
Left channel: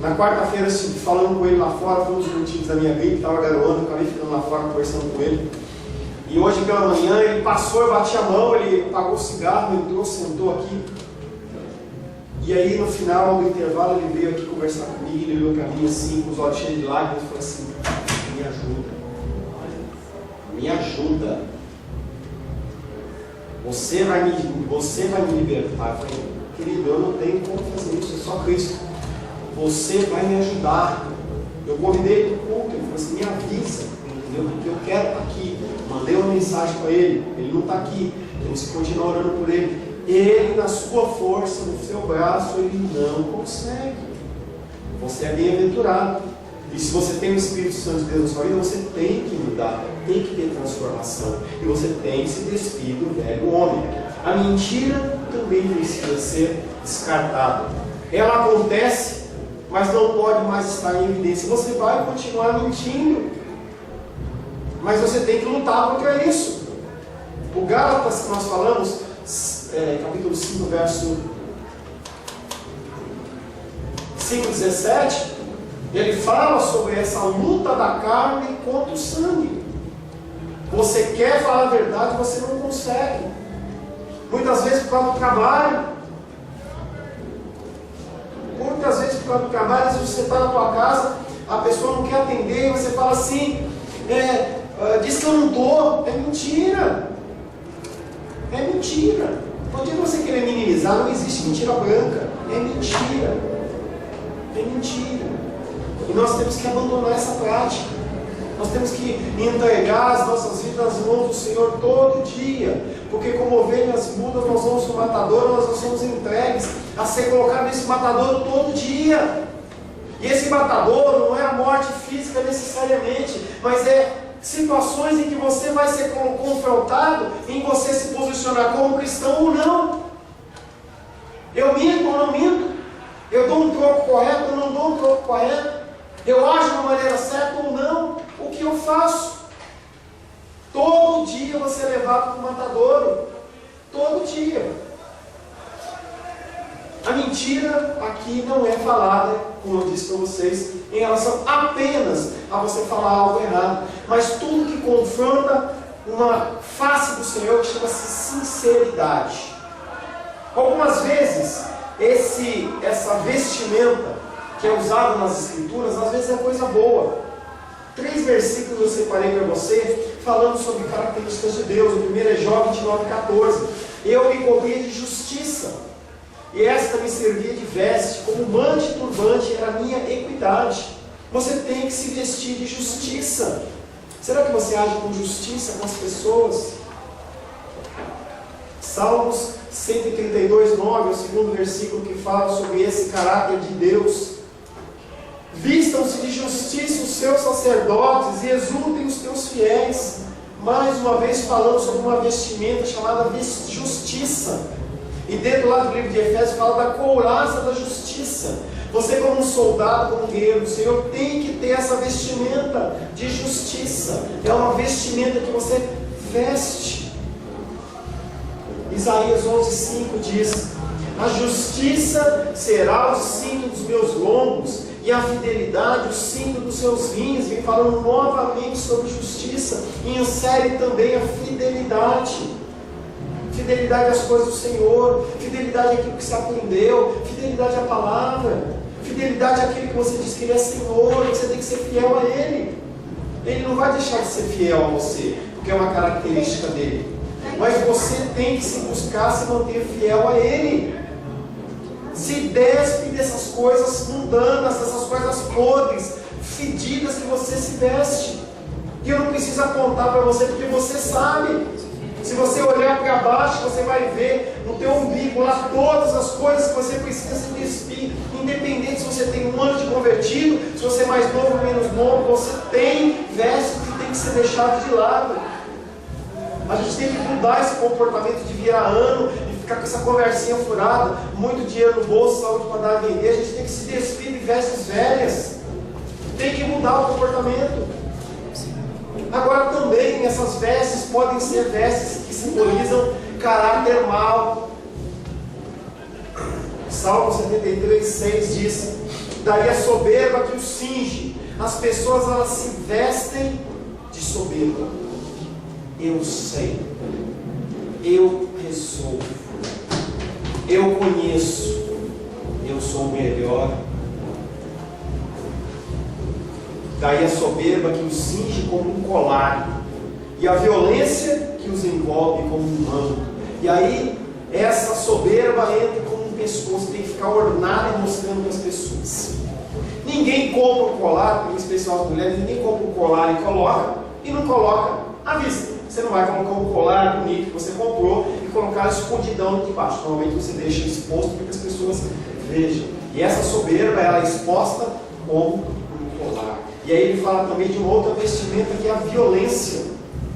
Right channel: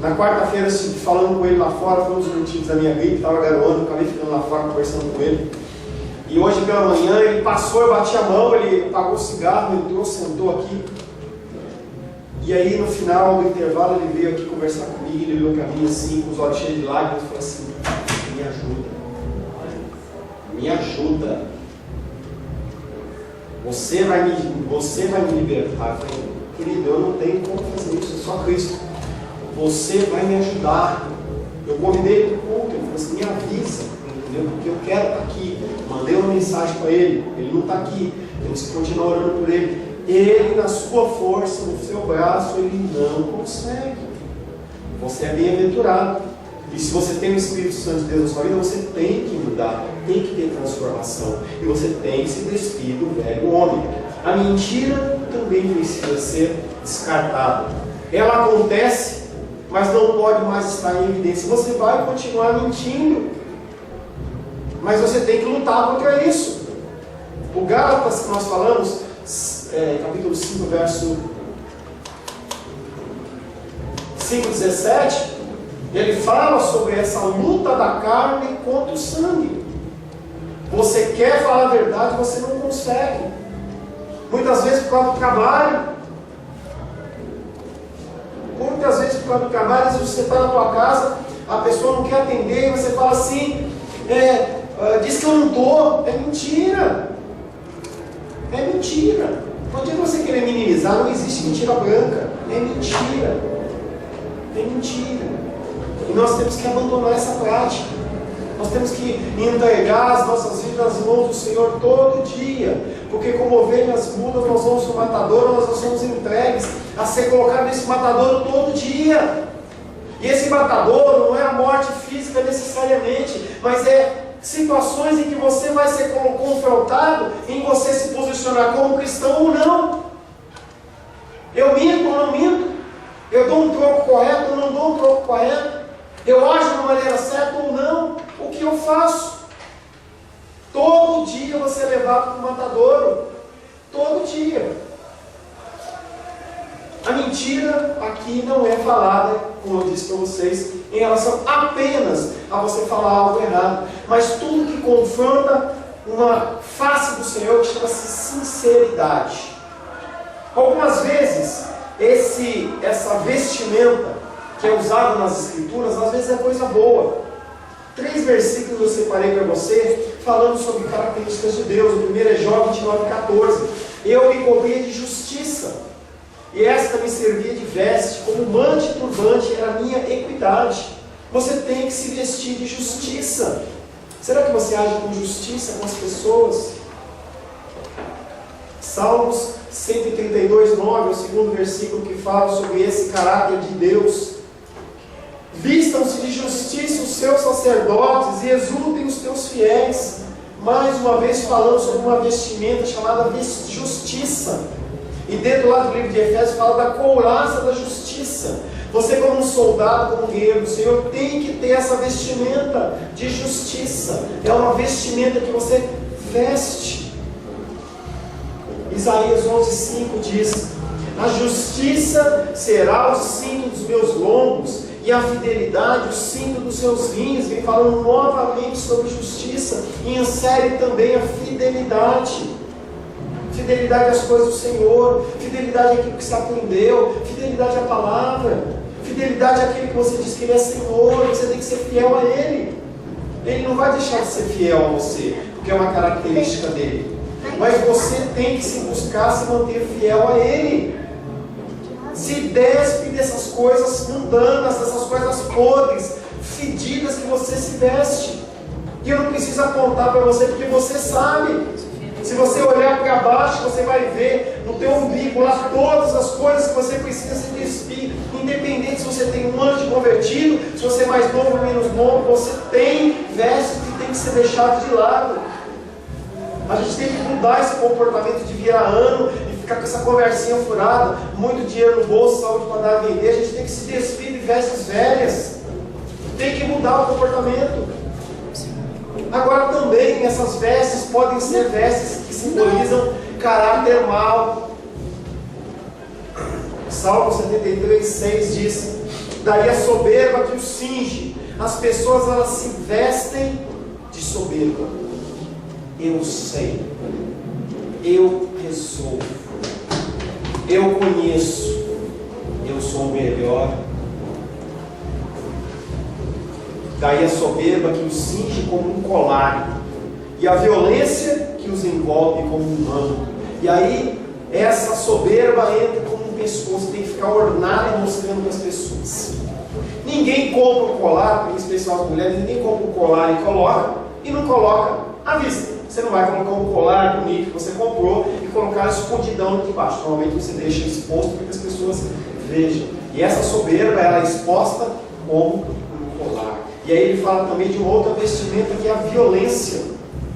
Na quarta-feira, falando com ele lá fora, foi uns minutinhos da minha gripe, estava garoando, acabei ficando lá fora conversando com ele. E hoje pela manhã ele passou, eu bati a mão, ele apagou o cigarro, entrou, sentou aqui. E aí no final do intervalo ele veio aqui conversar comigo, ele olhou para mim assim, com os olhos cheios de lágrimas, e falou assim: me ajuda, me ajuda. Você vai me libertar. Eu falei: querido, eu não tenho como fazer isso, é só Cristo. Você vai me ajudar. Eu convidei ele para o culto, ele falou assim: me avisa, entendeu? Porque eu quero estar aqui. Mandei uma mensagem para ele, ele não está aqui, então você continua orando por ele. Ele, na sua força, no seu braço, ele não consegue. Você é bem-aventurado. E se você tem o Espírito Santo de Deus na sua vida, você tem que mudar, tem que ter transformação. E você tem que se despir do velho homem. A mentira também precisa ser descartada. Ela acontece, mas não pode mais estar em evidência. Você vai continuar mentindo, mas você tem que lutar contra isso. O Gálatas que nós falamos, capítulo 5, verso 5:17, ele fala sobre essa luta da carne contra o sangue. Você quer falar a verdade, você não consegue. Muitas vezes por causa do trabalho. Muitas vezes por causa do trabalho, às vezes você está na tua casa, a pessoa não quer atender, e você fala assim: diz que eu não estou. É mentira. É mentira. Não adianta você querer minimizar, não existe mentira branca. é mentira. É mentira. E nós temos que abandonar essa prática. Nós temos que entregar as nossas vidas nas mãos do Senhor todo dia. Porque como ovelhas mudas, nós vamos no matadouro, nós somos entregues a ser colocados nesse matadouro todo dia. E esse matadouro não é a morte física necessariamente, mas é situações em que você vai ser confrontado em você se posicionar como cristão ou não. Eu minto ou não minto? Eu dou um troco correto ou não dou um troco correto? Eu ajo de uma maneira certa ou não? O que eu faço? Todo dia você é levado para o matadouro. Todo dia. A mentira aqui não é falada, como eu disse para vocês, em relação apenas a você falar algo errado, mas tudo que confronta uma face do Senhor que chama-se sinceridade. Algumas vezes, essa vestimenta que é usada nas Escrituras, às vezes é coisa boa. 3 versículos eu separei para você, falando sobre características de Deus. O primeiro é Jó 29:14. Eu me cobria de justiça, e esta me servia de veste, como manto e turbante era a minha equidade. Você tem que se vestir de justiça. Será que você age com justiça com as pessoas? Salmos 132:9 é o segundo versículo que fala sobre esse caráter de Deus. Vistam-se de justiça os seus sacerdotes e exultem os teus fiéis. Mais uma vez falando sobre uma vestimenta chamada justiça. E dentro lá do livro de Efésios fala da couraça da justiça. Você como um soldado, como um guerreiro do Senhor, tem que ter essa vestimenta de justiça. É uma vestimenta que você veste. Isaías 11:5 diz: a justiça será o cinto dos meus lombos, e a fidelidade o cinto dos seus rins. Vem falando novamente sobre justiça, e insere também a fidelidade. Fidelidade às coisas do Senhor, fidelidade àquilo que você aprendeu, fidelidade à palavra, fidelidade àquele que você diz que Ele é Senhor, você tem que ser fiel a Ele. Ele não vai deixar de ser fiel a você, porque é uma característica dele. Mas você tem que se buscar se manter fiel a Ele. Se despe dessas coisas mundanas, dessas coisas podres, fedidas que você se veste. E eu não preciso apontar para você, porque você sabe. Se você olhar para baixo, você vai ver no teu umbigo lá todas as coisas que você precisa se despir. Independente se você tem um ano de convertido, se você é mais novo ou menos novo, você tem vestes que tem que ser deixado de lado. A gente tem que mudar esse comportamento de virar ano e ficar com essa conversinha furada, muito dinheiro no bolso, saúde para dar a vender. A gente tem que se despir de vestes velhas. Tem que mudar o comportamento. Agora também essas vestes podem ser vestes que simbolizam caráter mau. Salmo 73:6 diz: daí a soberba que o cinge. As pessoas elas se vestem de soberba. Eu sei, eu resolvo, eu conheço, eu sou o melhor. Daí a soberba que os cinge como um colar, e a violência que os envolve como um manto. E aí essa soberba entra como um pescoço, tem que ficar ornada e mostrando para as pessoas. Ninguém compra um colar, em especial as mulheres, ninguém compra um colar e não coloca à vista. Você não vai colocar um colar bonito que você comprou e colocar escondidão aqui embaixo. Normalmente você deixa exposto para que as pessoas vejam. E essa soberba ela é exposta como um colar. E aí ele fala também de uma outra vestimenta que é a violência,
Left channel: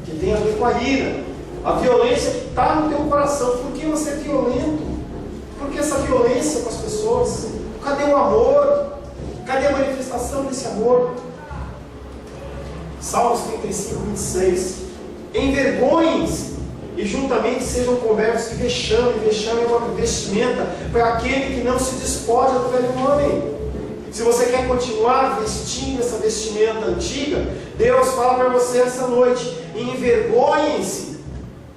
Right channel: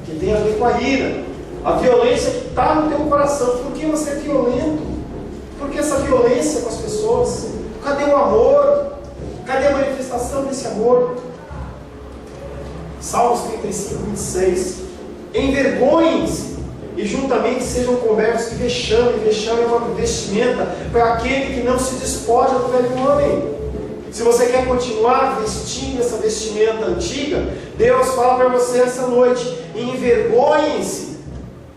que tem a ver com a ira. A violência que está no teu coração. Por que você é violento? Por que essa violência com as pessoas? Cadê o amor? Cadê a manifestação desse amor? Salmos 35:26. Envergonhem-se e juntamente sejam cobertos de vexame. Vexame é uma vestimenta para aquele que não se despoja do velho homem. Se você quer continuar vestindo essa vestimenta antiga, Deus fala para você essa noite: envergonhem-se,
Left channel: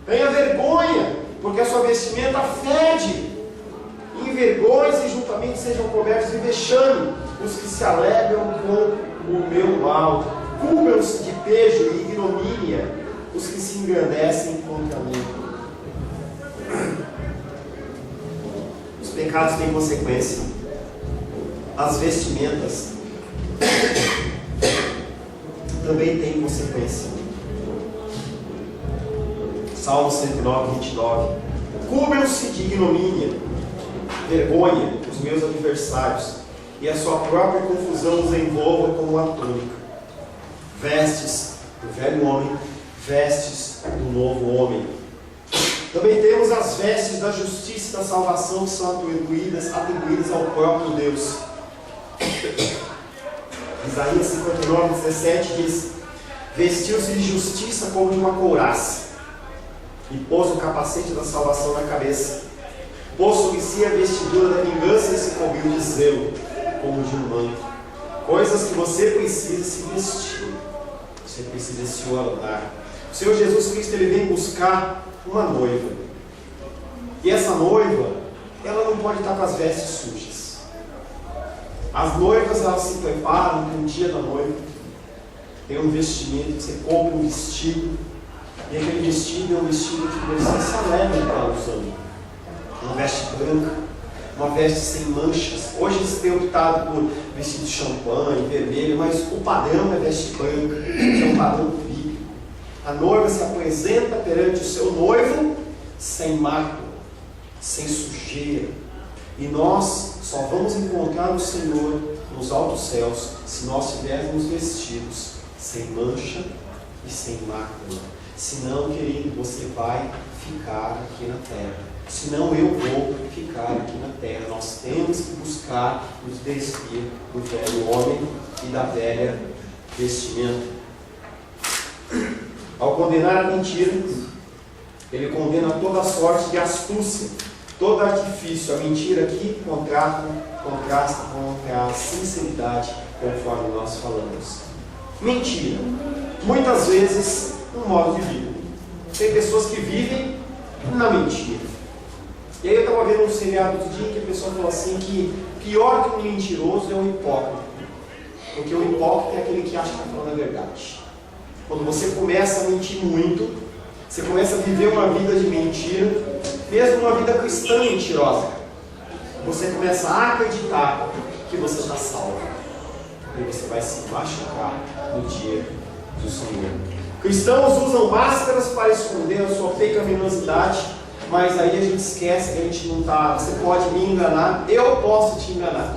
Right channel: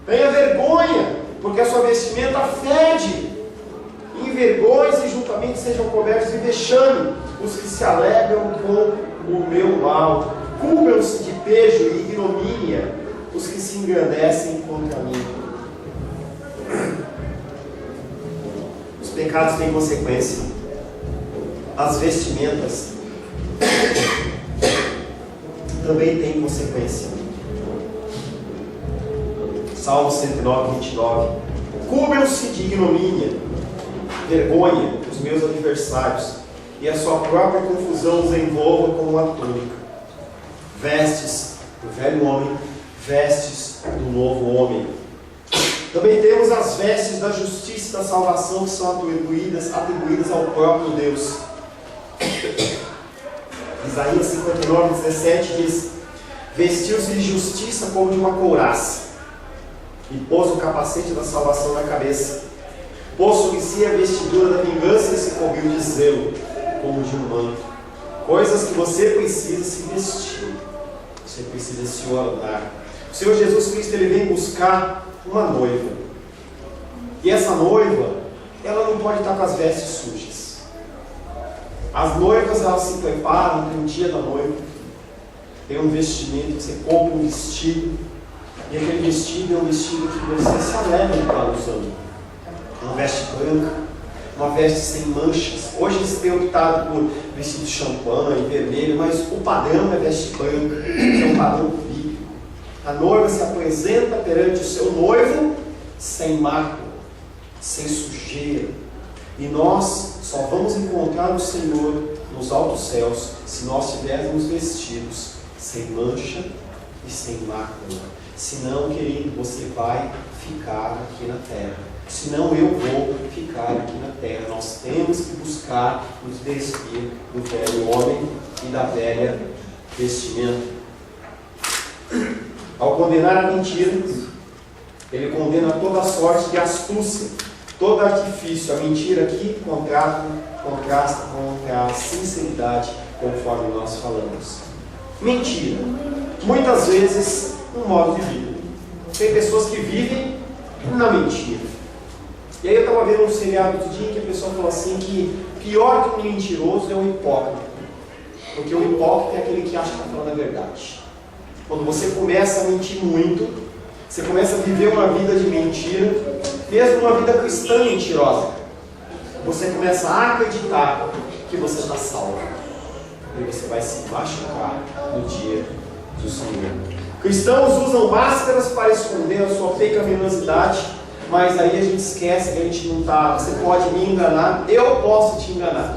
tenha vergonha, porque a sua vestimenta fede. Envergonhem-se e juntamente sejam cobertos de vexame os que se alegram com o meu mal. Cubram-se de pejo e ignomínia os que se engrandecem contra mim. Os pecados têm consequência. As vestimentas também têm consequência. Salmo 109, 29. Cubram-se de ignomínia, vergonha, os meus adversários, e a sua própria confusão os envolva como uma túnica. Vestes do velho homem, vestes do novo homem. Também temos as vestes da justiça e da salvação, que são atribuídas ao próprio Deus. Isaías 59, 17 diz: vestiu-se de justiça como de uma couraça, e pôs o capacete da salvação na cabeça. Pôs sobre si a vestidura da vingança e se cobriu de zelo, como de um manto. Coisas que você precisa se vestir. Você precisa se ornar. O Senhor Jesus Cristo, Ele vem buscar uma noiva. E essa noiva, ela não pode estar com as vestes sujas. As noivas, elas se preparam, tem um dia da noiva, tem um vestimento, você compra um vestido, e aquele vestido é um vestido que você se alegra de estar usando. Uma veste branca, uma veste sem manchas. Hoje eles têm optado por vestido de champanhe, vermelho, mas o padrão é veste branca, que é um padrão bíblico. A noiva se apresenta perante o seu noivo sem mácula, sem sujeira. E nós só vamos encontrar o Senhor nos altos céus se nós estivermos vestidos sem mancha e sem mácula. Senão, querido, você vai ficar aqui na terra. Senão eu vou ficar aqui na terra. Nós temos que buscar nos despir do velho homem e da velha vestimenta. Ao condenar a mentira, ele condena toda sorte de astúcia, todo artifício. A mentira aqui contrasta com a sinceridade, conforme nós falamos. Mentira, muitas vezes, um modo de vida. Tem pessoas que vivem na mentira. E aí eu estava vendo um seriado outro dia que a pessoa falou assim que pior que um mentiroso é um hipócrita. Porque o hipócrita é aquele que acha que está falando a verdade. Quando você começa a mentir muito, você começa a viver uma vida de mentira, mesmo uma vida cristã mentirosa, você começa a acreditar que você está salvo. E você vai se machucar no dia do Senhor. Cristãos usam máscaras para esconder a sua pecaminosidade, mas aí a gente esquece que a gente não está. Você pode me enganar, eu posso te enganar,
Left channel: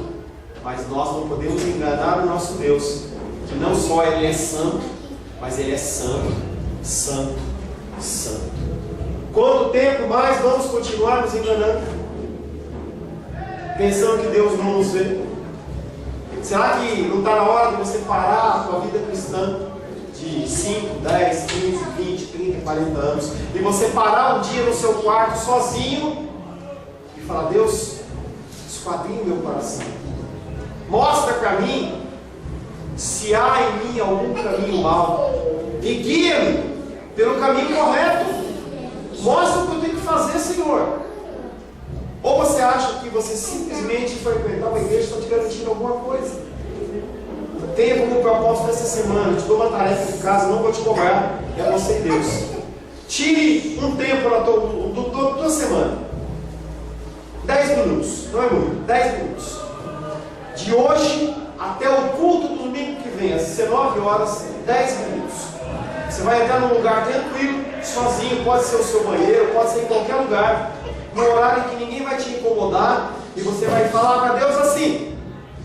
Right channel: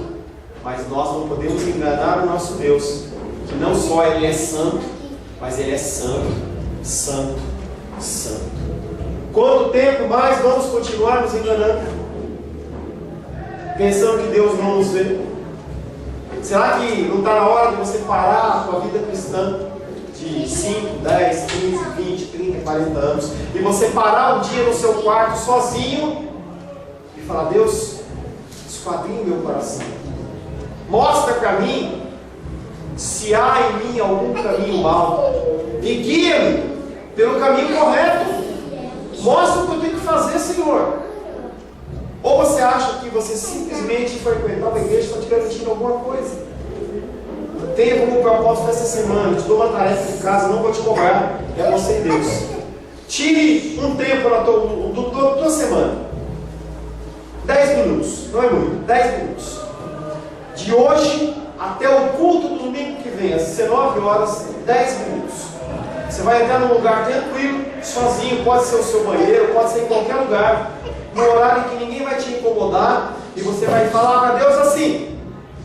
mas nós não podemos enganar o nosso Deus, que não só Ele é santo, mas Ele é santo, santo, santo. Quanto tempo mais vamos continuar nos enganando? Pensando que Deus não nos vê? Será que não está na hora de você parar a sua vida cristã de 5, 10, 15, 20, 30, 40 anos e você parar um dia no seu quarto sozinho e falar: Deus, esquadrinha o meu coração, mostra para mim se há em mim algum caminho mau e guia-me pelo caminho correto. Mostra o que eu tenho que fazer, Senhor. Ou você acha que você simplesmente frequentar uma igreja está te garantindo alguma coisa? Tenha como propósito essa semana: te dou uma tarefa de casa, não vou te cobrar, é você e Deus. Tire um tempo na tua semana, 10 minutos, não é muito, 10 minutos, de hoje até o culto do domingo que vem, às 19 horas, 10 minutos. Você vai entrar num lugar tranquilo, sozinho, pode ser o seu banheiro, pode ser em qualquer lugar, no horário em que ninguém vai te incomodar, e você vai falar para Deus assim:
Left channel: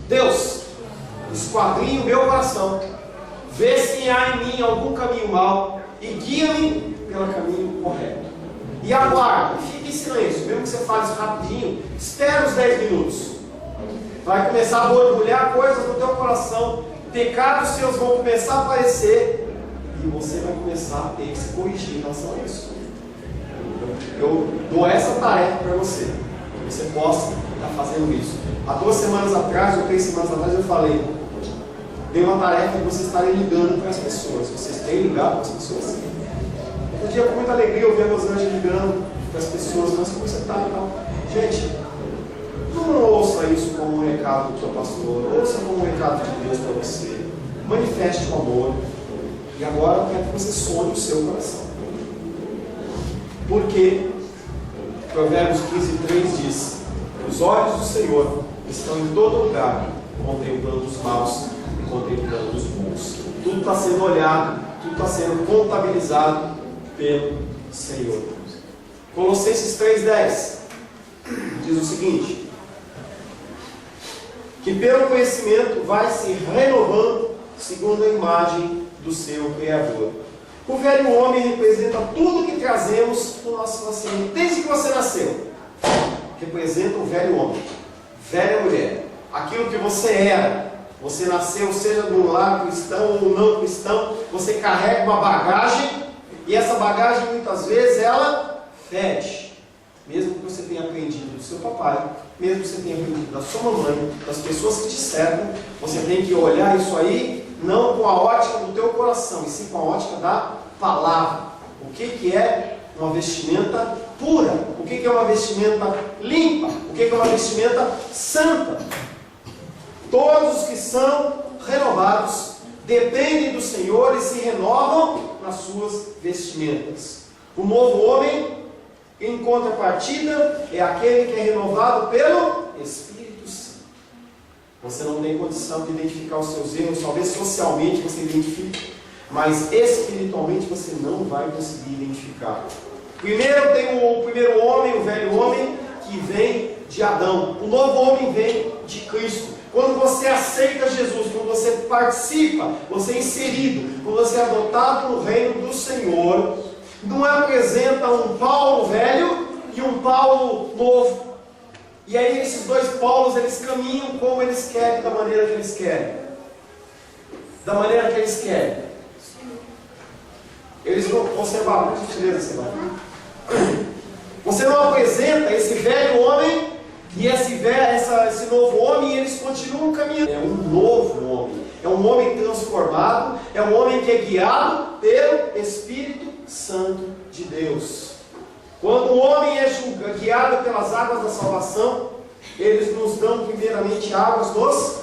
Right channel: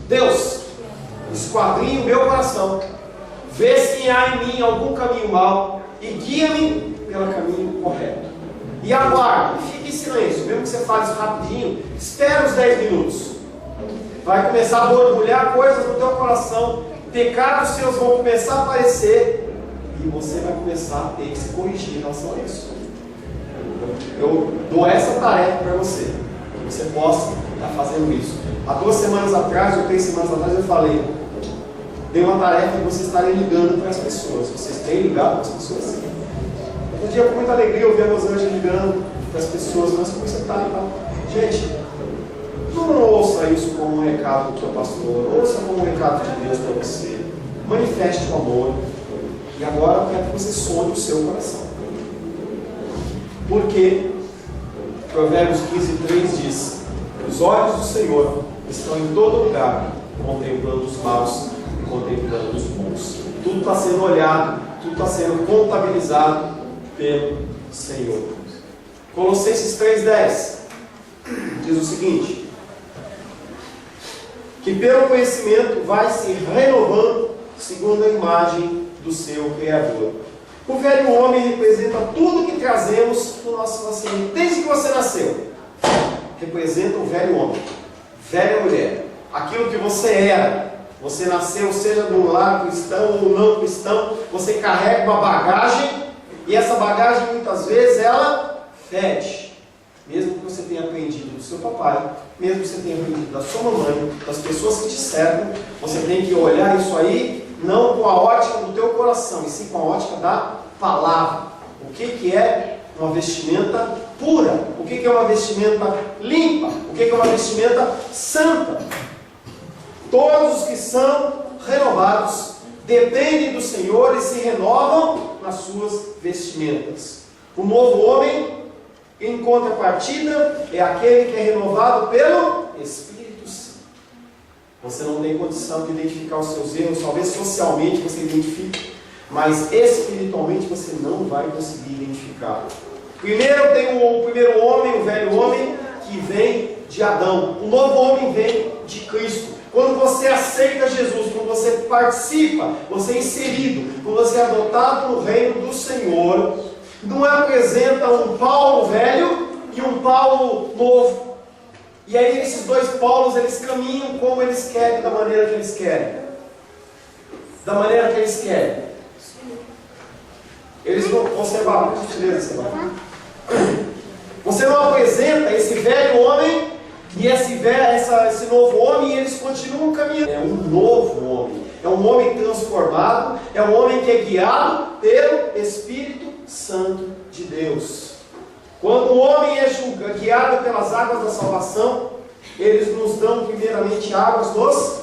Deus, esquadrinha o meu coração, vê se há em mim algum caminho mau e guia-me pelo caminho correto. E aguarde, fique em silêncio, mesmo que você fale isso rapidinho, espera os 10 minutos. Vai começar a borbulhar coisas no teu coração, pecados seus vão começar a aparecer, e você vai começar a ter que se corrigir em relação a isso. Eu dou essa tarefa para você, que você possa estar fazendo isso. Há 2 semanas atrás, ou 3 semanas atrás, eu falei: dei uma tarefa de vocês estarem ligando para as pessoas. Vocês têm ligado para as pessoas? Um dia, com muita alegria, eu vi a Rosângela ligando para as pessoas: mas como você está e tal? Gente, não ouça isso como um recado do seu pastor, ouça como um recado de Deus para você. Manifeste o amor. E agora eu quero que você sonhe o seu coração. Porque Provérbios 15:3 diz: Os olhos do Senhor estão em todo lugar, contemplando os maus e contemplando os bons. Tudo está sendo olhado, tudo está sendo contabilizado pelo Senhor. Colossenses 3,10 diz o seguinte: que pelo conhecimento vai se renovando segundo a imagem do seu Criador. O velho homem representa tudo que trazemos no nosso nascimento, desde que você nasceu. Representa o velho homem, velha mulher, aquilo que você era. Você nasceu, seja do lar cristão ou não cristão, você carrega uma bagagem, e essa bagagem muitas vezes ela fede. Mesmo que você tenha aprendido do seu papai, mesmo que você tenha aprendido da sua mamãe, das pessoas que te cercam, você tem que olhar isso aí não com a ótica do teu coração, e sim com a ótica da palavra. O que é uma vestimenta pura? O que é uma vestimenta limpa? O que é uma vestimenta santa? Todos os que são renovados dependem do Senhor e se renovam nas suas vestimentas. O novo homem, em contrapartida, é aquele que é renovado pelo Espírito Santo. Você não tem condição de identificar os seus erros, talvez socialmente você identifique, mas espiritualmente você não vai conseguir identificar. Primeiro tem o primeiro homem, o velho homem, que vem de Adão. O novo homem vem de Cristo. Quando você aceita Jesus, quando você participa, você é inserido, quando você é adotado no reino do Senhor, não apresenta um Paulo velho e um Paulo novo. E aí esses dois Paulos, eles caminham como eles querem, da maneira que eles querem. Da maneira que eles querem. Eles vão observar, por gentileza, você não apresenta esse velho homem e esse novo homem, e eles continuam caminhando. É um novo homem, é um homem transformado, é um homem que é guiado pelo Espírito Santo de Deus. Quando o homem é guiado pelas águas da salvação, eles nos dão primeiramente águas nos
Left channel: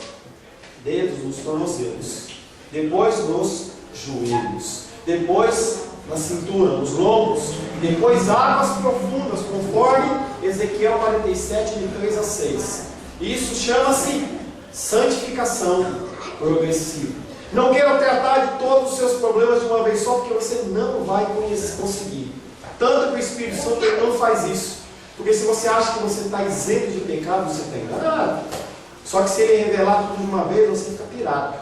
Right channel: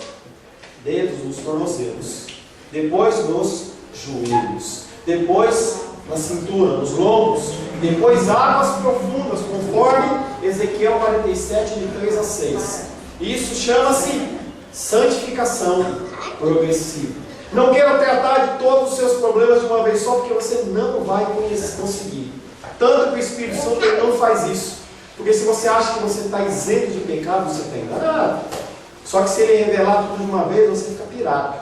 dedos, nos tornozelos, depois nos joelhos, depois na cintura, nos lombos, depois águas profundas, conforme Ezequiel 47, de 3 a 6. Isso chama-se santificação progressiva. Não quero tratar de todos os seus problemas de uma vez só, porque você não vai conseguir. Tanto que o Espírito Santo ele não faz isso. Porque se você acha que você está isento de pecado, você está enganado. Só que se ele revelar tudo de uma vez, você fica pirado.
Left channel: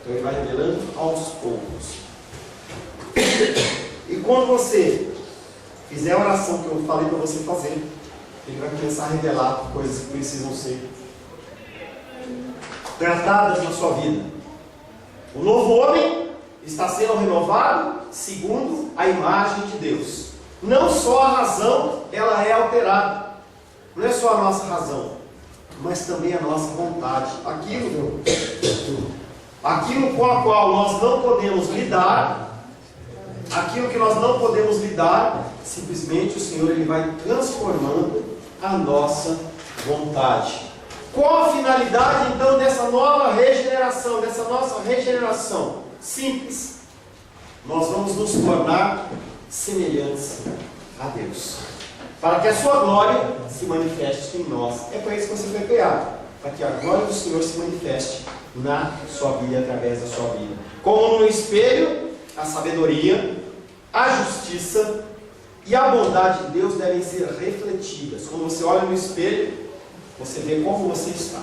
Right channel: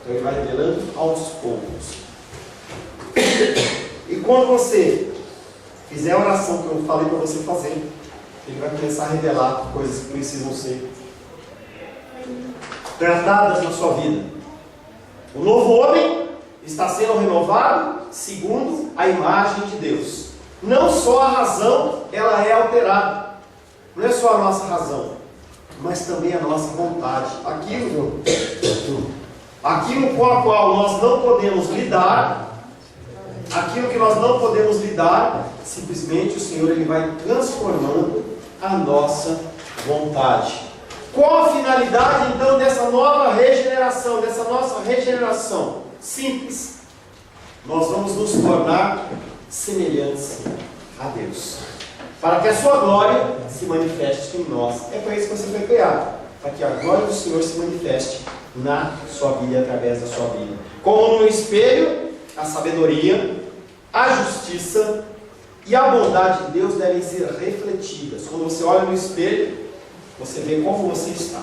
Então ele vai revelando aos poucos. E quando você fizer a oração que eu falei para você fazer, ele vai começar a revelar coisas que precisam ser tratadas na sua vida. O novo homem está sendo renovado segundo a imagem de Deus. Não só a razão ela é alterada, não é só a nossa razão, mas também a nossa vontade. Aquilo com a qual nós não podemos lidar, aquilo que nós não podemos lidar, simplesmente o Senhor ele vai transformando a nossa vontade. Qual a finalidade então dessa nova regeneração, dessa nossa regeneração? Simples. Nós vamos nos tornar semelhantes a Deus, para que a sua glória se manifeste em nós. É para isso que você foi criado, para que a glória do Senhor se manifeste na sua vida, através da sua vida. Como no espelho, a sabedoria, a justiça e a bondade de Deus devem ser refletidas. Quando você olha no espelho, você vê como você está.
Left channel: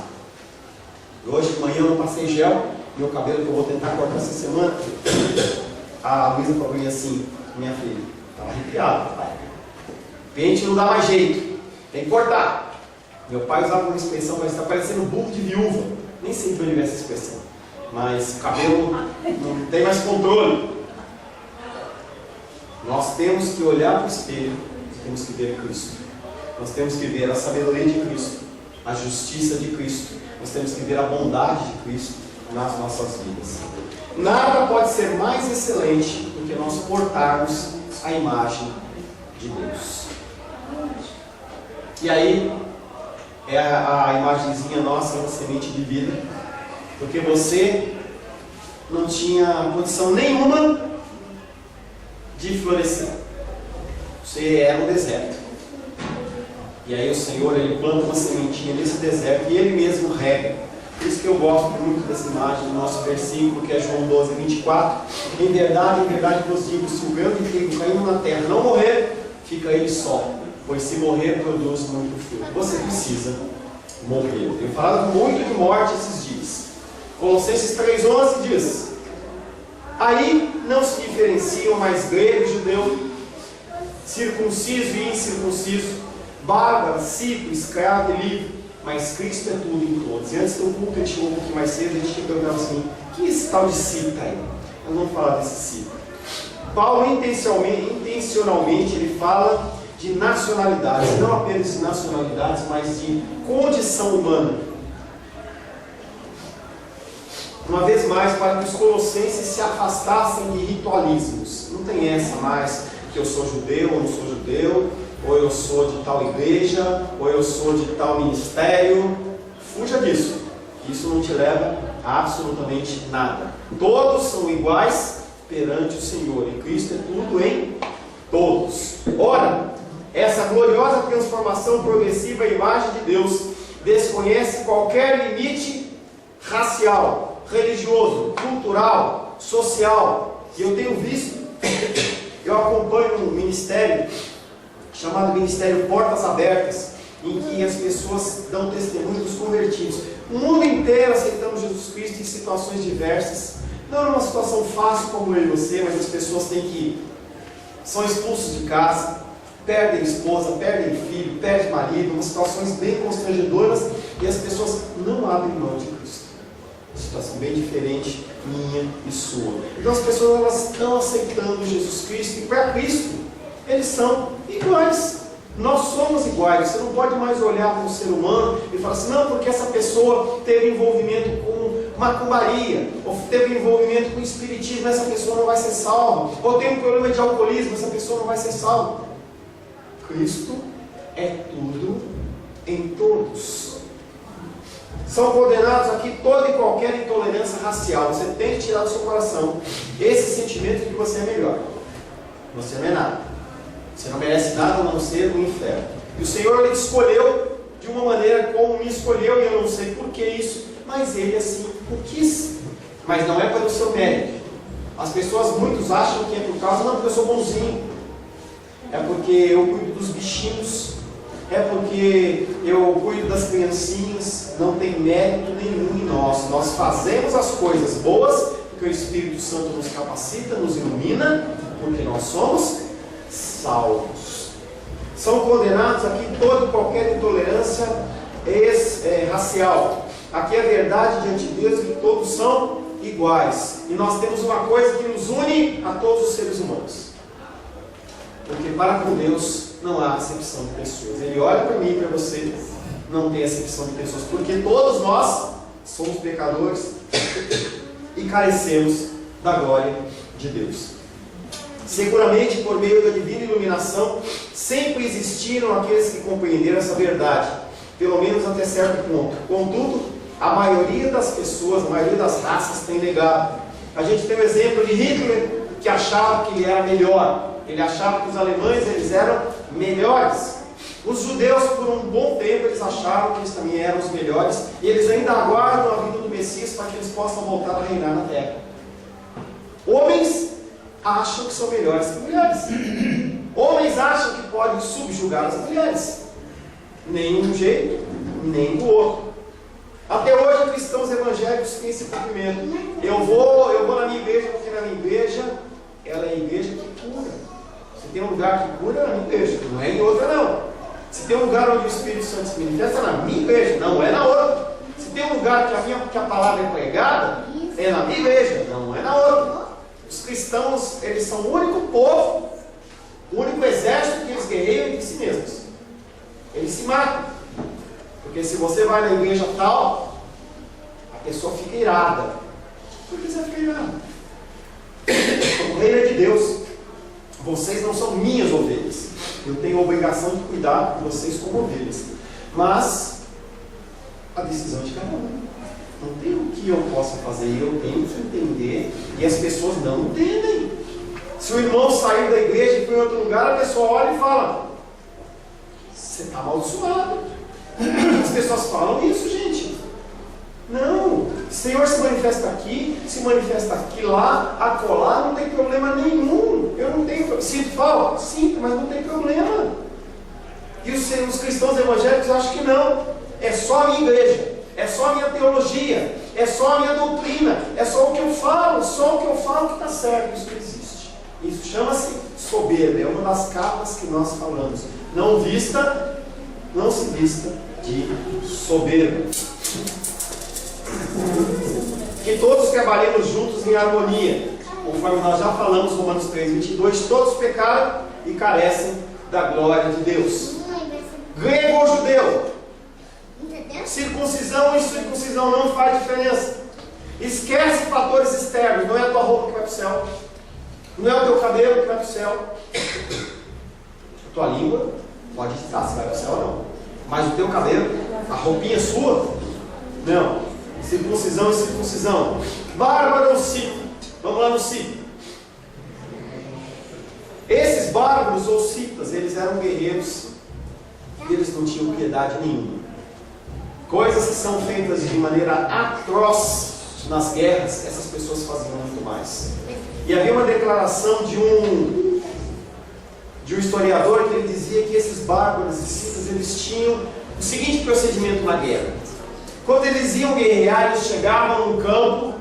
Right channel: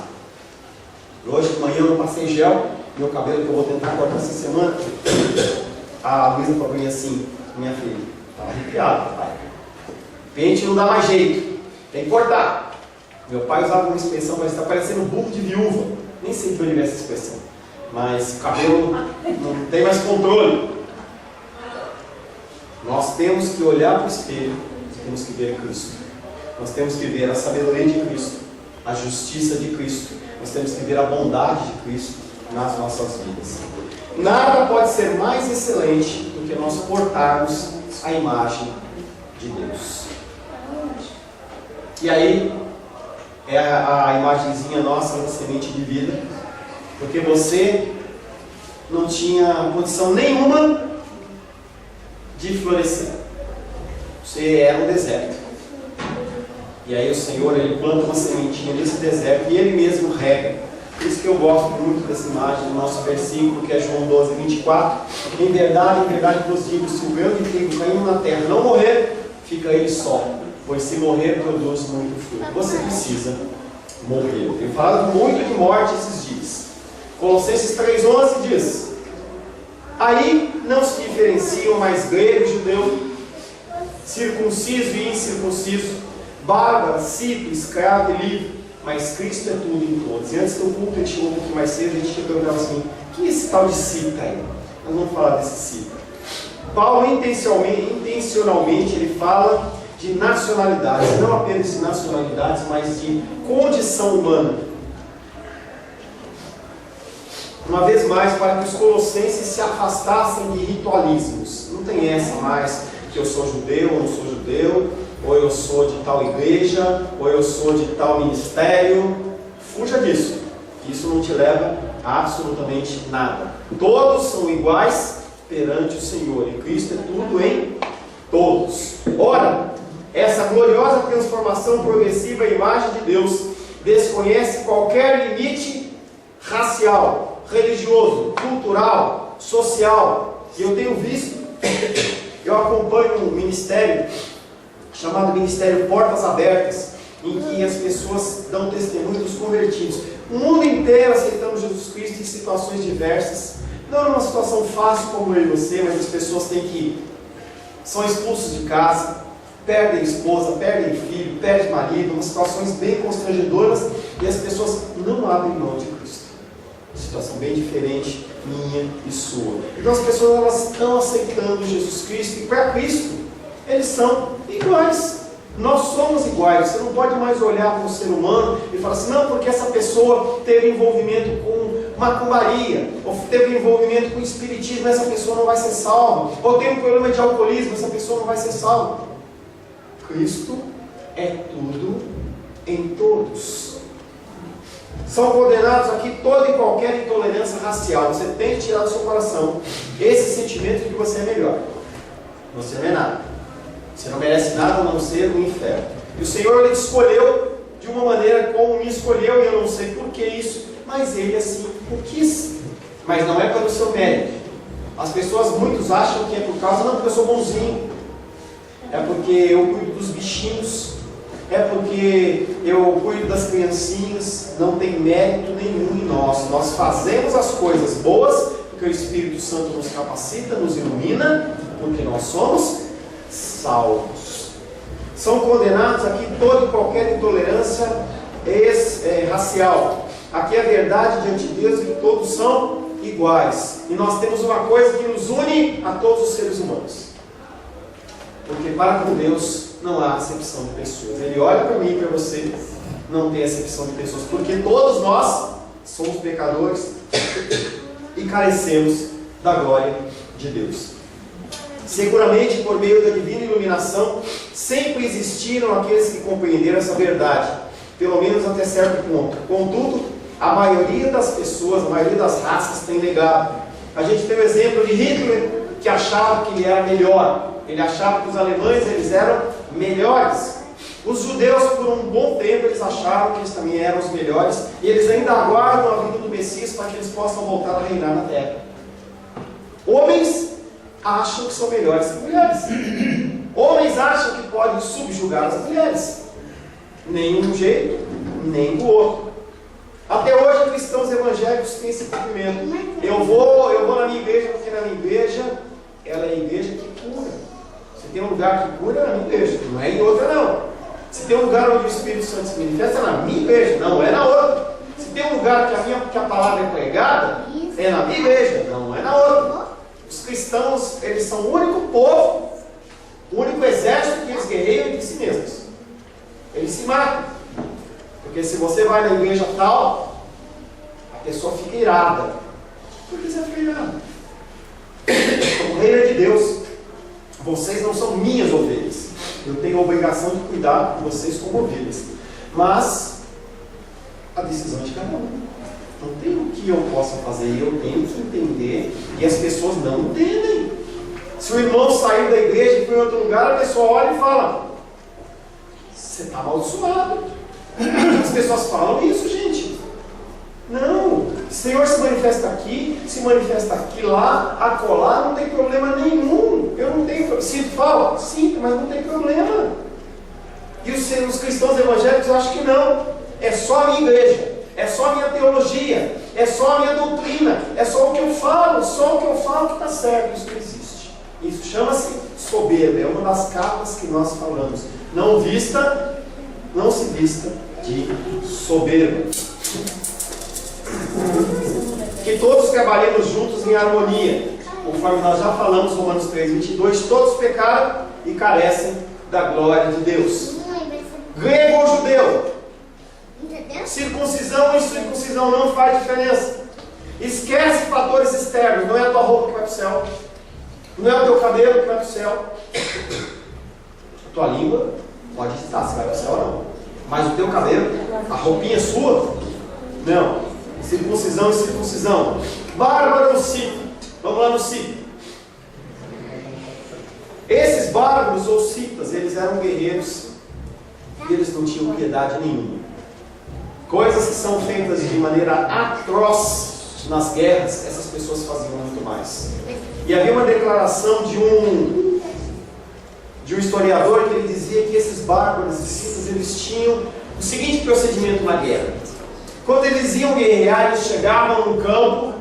Hoje de manhã eu não passei gel, meu cabelo que eu vou tentar cortar essa semana. A Luísa falou assim, minha filha, estava arrepiado, pai. Pente não dá mais jeito, tem que cortar. Meu pai usava uma expressão, mas está parecendo burro de viúva. Nem sei de onde vem essa expressão, mas o cabelo não tem mais controle. Nós temos que olhar para o espelho, temos que ver Cristo. Nós temos que ver a sabedoria de Cristo, a justiça de Cristo. Nós temos que ver a bondade de Cristo nas nossas vidas. Nada pode ser mais excelente do que nós portarmos a imagem de Deus. E aí, é a imagenzinha nossa da semente de vida, porque você não tinha condição nenhuma de florescer. Você era um deserto. E aí o Senhor, Ele planta uma sementinha nesse deserto e Ele mesmo rega. Por isso que eu gosto muito dessa imagem do nosso versículo, que é João 12, 24. Em verdade vos digo, se o grão de trigo caindo na terra não morrer, fica ele só, pois se morrer, produz muito fruto. Você precisa morrer. Eu tenho falado muito de morte esses dias. Colossenses 3,11 diz: aí não se diferenciam mais grego e judeu, circunciso e incircunciso, bárbaro, cito, escravo e livre, mas Cristo é tudo em todos. E antes do culto, a gente chegou um pouquinho mais cedo, a gente perguntava assim: que é esse tal de cita aí? Nós vamos falar desse cita. Paulo intencionalmente ele fala de nacionalidades, não apenas de nacionalidades, mas de condição humana. Uma vez mais, para que os colossenses se afastassem de ritualismos. Não tem essa mais, que eu sou judeu ou não sou judeu, ou eu sou de tal igreja, ou eu sou de tal ministério. Fuja disso, isso não te leva a absolutamente nada. Todos são iguais perante o Senhor, e Cristo é tudo em todos. Ora, essa gloriosa transformação progressiva à imagem de Deus desconhece qualquer limite racial, religioso, cultural, social. E eu tenho visto, eu acompanho um ministério chamado Ministério Portas Abertas, em que as pessoas dão testemunho dos convertidos. O mundo inteiro aceitando Jesus Cristo em situações diversas. Não é uma situação fácil como eu e você, mas as pessoas são expulsos de casa, perdem esposa, perdem filho, perdem marido, umas situações bem constrangedoras, e as pessoas não abrem mão de Cristo. Uma situação bem diferente, minha e sua. Então as pessoas elas estão aceitando Jesus Cristo, e para Cristo eles são iguais. Nós somos iguais. Você não pode mais olhar para um ser humano e falar assim: não, porque essa pessoa teve envolvimento com macumbaria, ou teve envolvimento com espiritismo, essa pessoa não vai ser salva, ou tem um problema de alcoolismo, essa pessoa não vai ser salva. Cristo é tudo em todos. São condenados aqui toda e qualquer intolerância racial. Você tem que tirar do seu coração esse sentimento de que você é melhor. Você não é nada. Você não merece nada a não ser o inferno. E o Senhor Ele te escolheu de uma maneira como me escolheu, e eu não sei por que isso, mas Ele assim o quis. Mas não é pelo seu mérito. As pessoas, muitos acham que é por causa, não, porque eu sou bonzinho, é porque eu cuido dos bichinhos, é porque eu cuido das criancinhas. Não tem mérito nenhum em nós. Nós fazemos as coisas boas porque o Espírito Santo nos capacita, nos ilumina, porque nós somos salvos. São condenados aqui toda e qualquer intolerância racial. Aqui é a verdade diante de Deus, que todos são iguais. E nós temos uma coisa que nos une a todos os seres humanos. Porque para com Deus não há acepção de pessoas. Ele olha para mim e para você, não tem acepção de pessoas. Porque todos nós somos pecadores e carecemos da glória de Deus. Seguramente, por meio da divina iluminação, sempre existiram aqueles que compreenderam essa verdade, pelo menos até certo ponto. Contudo, a maioria das pessoas, a maioria das raças tem negado. A gente tem o exemplo de Hitler, que achava que ele era melhor. Ele achava que os alemães eles eram melhores. Os judeus, por um bom tempo, eles achavam que eles também eram os melhores, e eles ainda aguardam a vinda do Messias para que eles possam voltar a reinar na terra. Homens acham que são melhores que mulheres. Homens acham que podem subjugar as mulheres. Nem de um jeito, nem do outro. Até hoje, cristãos evangélicos têm esse cumprimento. Eu vou na minha igreja, porque na minha igreja, ela é a igreja que cura. Se tem um lugar que cura, é na minha igreja, não é em outra não. Se tem um lugar onde o Espírito Santo se manifesta, é na minha igreja, não é na outra. Se tem um lugar que a palavra é pregada, é na minha igreja, não é na outra. Os cristãos, eles são o único povo, o único exército que eles guerreiam entre si mesmos. Eles se matam. Porque se você vai na igreja tal, a pessoa fica irada. Por que você fica irado? O reino é de Deus. Vocês não são minhas ovelhas. Eu tenho a obrigação de cuidar de vocês como ovelhas. Mas a decisão é de cada um. Não tem o que eu possa fazer, eu tenho que entender. E as pessoas não entendem. Se o irmão saiu da igreja e foi em outro lugar, a pessoa olha e fala: você está amaldiçoado. As pessoas falam isso, gente. Não, o Senhor se manifesta aqui, se manifesta aqui, lá, acolá, não tem problema nenhum. Eu não tenho, sinto falta? Sinto, mas não tem problema. E os cristãos evangélicos acham que não. É só a minha igreja, é só a minha teologia, é só a minha doutrina, é só o que eu falo, só o que eu falo que está certo. Isso não existe. Isso chama-se soberba, é uma das capas que nós falamos. Não se vista de soberba. Que todos trabalhemos juntos em harmonia, conforme nós já falamos, Romanos 3:22, todos pecaram e carecem da glória de Deus. Grego ou judeu, circuncisão ou incircuncisão não faz diferença. Esquece fatores externos. Não é a tua roupa que vai para o céu, não é o teu cabelo que vai para o céu. A tua língua pode estar se vai para o céu ou não, mas o teu cabelo, a roupinha sua, não. Circuncisão e circuncisão. Bárbaro ou cita? Vamos lá no cita. Esses bárbaros ou citas, eles eram guerreiros e eles não tinham piedade nenhuma. Coisas que são feitas de maneira atroz nas guerras, essas pessoas faziam muito mais. E havia uma declaração de um historiador que ele dizia que esses bárbaros e citas, eles tinham o seguinte procedimento na guerra. Quando eles iam guerrear, eles chegavam no campo,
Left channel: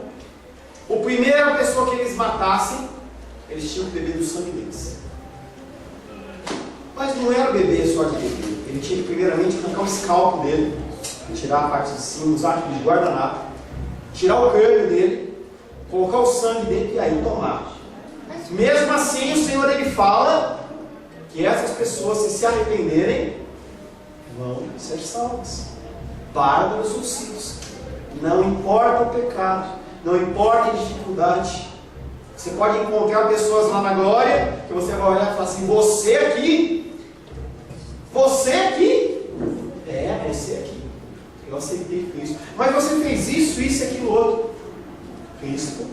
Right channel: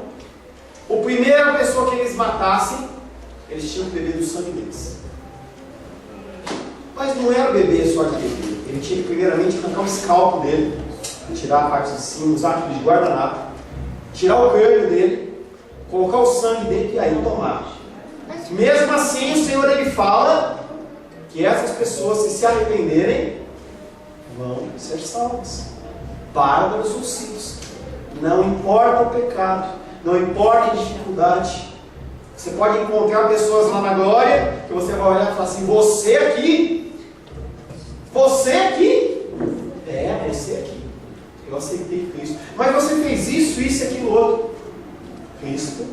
a primeira pessoa que eles matassem, eles tinham que beber do sangue deles. Mas não era beber só de beber. Ele tinha que primeiramente arrancar o escalpo dele, tirar a parte de cima, usar aquilo de guardanapo, tirar o crânio dele, colocar o sangue dele e aí tomar. Mesmo assim, o Senhor ele fala que essas pessoas, se arrependerem, vão ser salvas. Bárbaros ou citos, não importa o pecado, não importa a dificuldade. Você pode encontrar pessoas lá na glória que você vai olhar e falar assim: você aqui, você aqui, você aqui, eu aceitei Cristo, mas você fez isso e aquilo outro. Cristo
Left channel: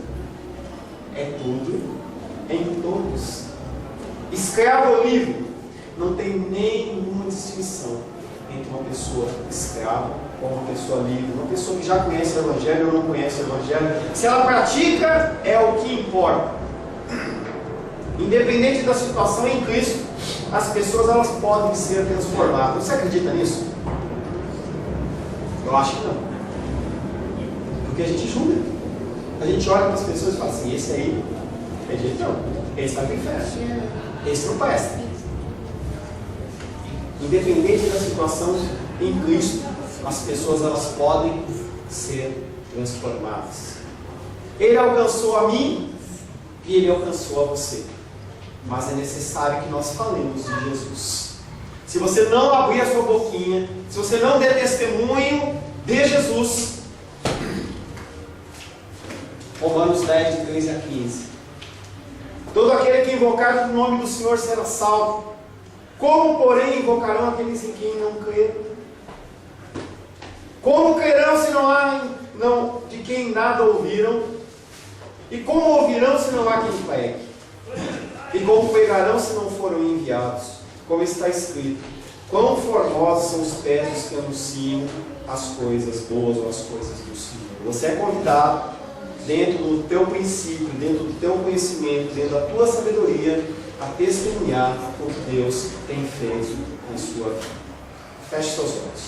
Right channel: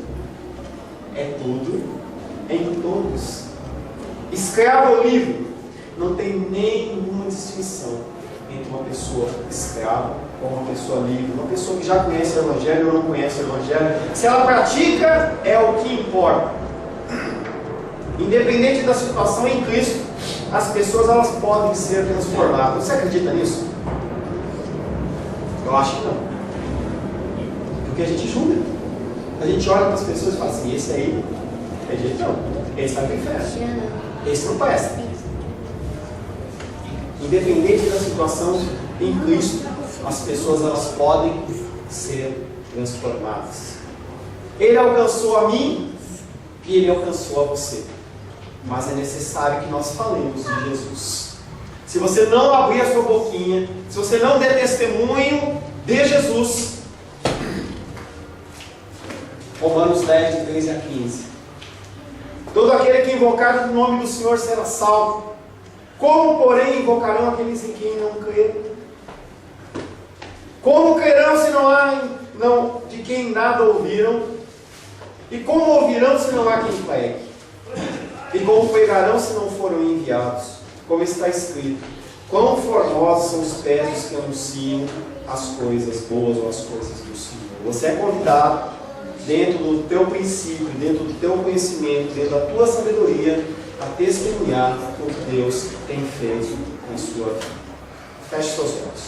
é tudo em todos. Escravo ou livre, não tem nenhuma distinção entre uma pessoa escrava ou uma pessoa livre, uma pessoa que já conhece o Evangelho ou não conhece o Evangelho. Se ela pratica, é o que importa. Independente da situação em Cristo, as pessoas elas podem ser transformadas. Você acredita nisso? Eu acho que não. Porque a gente julga. A gente olha para as pessoas e fala assim: esse aí é de jeito não, esse vai para o inferno, esse não presta. Independente da situação em Cristo, as pessoas elas podem ser transformadas. Ele alcançou a mim e ele alcançou a você. Mas é necessário que nós falemos de Jesus. Se você não abrir a sua boquinha, se você não der testemunho de Jesus, Romanos 10, de 13 a 15. Todo aquele que invocar o nome do Senhor será salvo. Como, porém, invocarão aqueles em quem não creram? Como crerão se não de quem nada ouviram? E como ouvirão se não há quem pregue? E como pregarão se não foram enviados? Como está escrito: quão formosos são os pés dos que anunciam as coisas boas ou as coisas do Senhor. Você é convidado, dentro do teu princípio, dentro do teu conhecimento, dentro da tua sabedoria, a testemunhar o que Deus tem feito em sua vida. Feche seus olhos.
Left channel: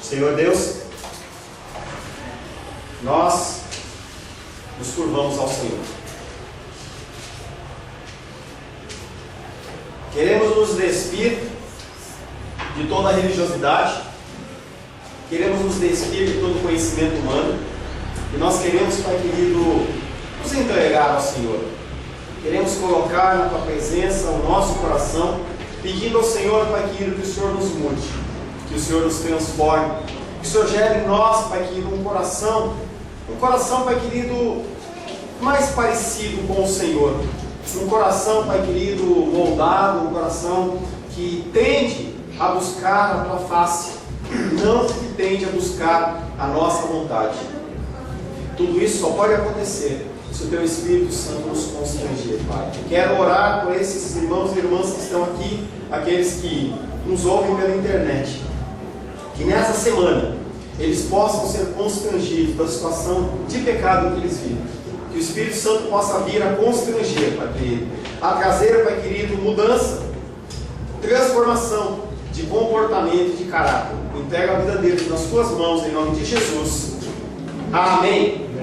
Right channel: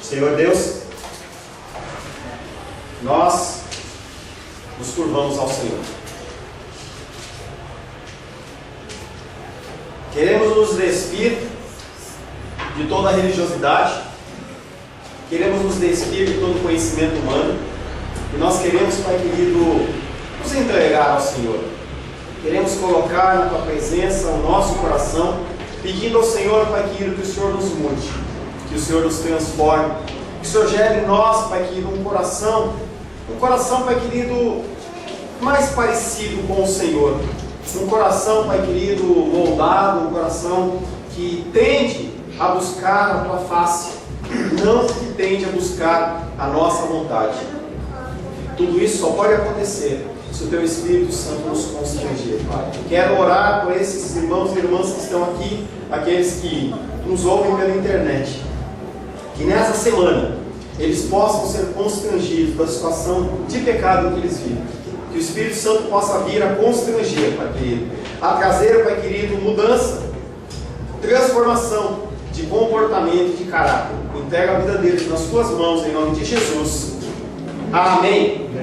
Senhor Deus, nós nos curvamos ao Senhor. Queremos nos despir de toda a religiosidade, queremos nos despir de todo o conhecimento humano, e nós queremos, Pai querido, nos entregar ao Senhor. Queremos colocar na Tua presença o nosso coração, pedindo ao Senhor, Pai querido, que o Senhor nos mude, que o Senhor nos transforme, que o Senhor gere em nós, Pai querido, um coração, Pai querido, mais parecido com o Senhor. Um coração, Pai querido, moldado, um coração que tende a buscar a Tua face, não que tende a buscar a nossa vontade. Tudo isso só pode acontecer se se o Teu Espírito Santo nos constranger, Pai. Quero orar por esses irmãos e irmãs que estão aqui, aqueles que nos ouvem pela internet, que nessa semana eles possam ser constrangidos da situação de pecado que eles vivem. Que o Espírito Santo possa vir a constranger, Pai querido, a trazer, Pai querido, mudança, transformação de comportamento e de caráter. Entrega a vida deles nas Tuas mãos, em nome de Jesus. Amém.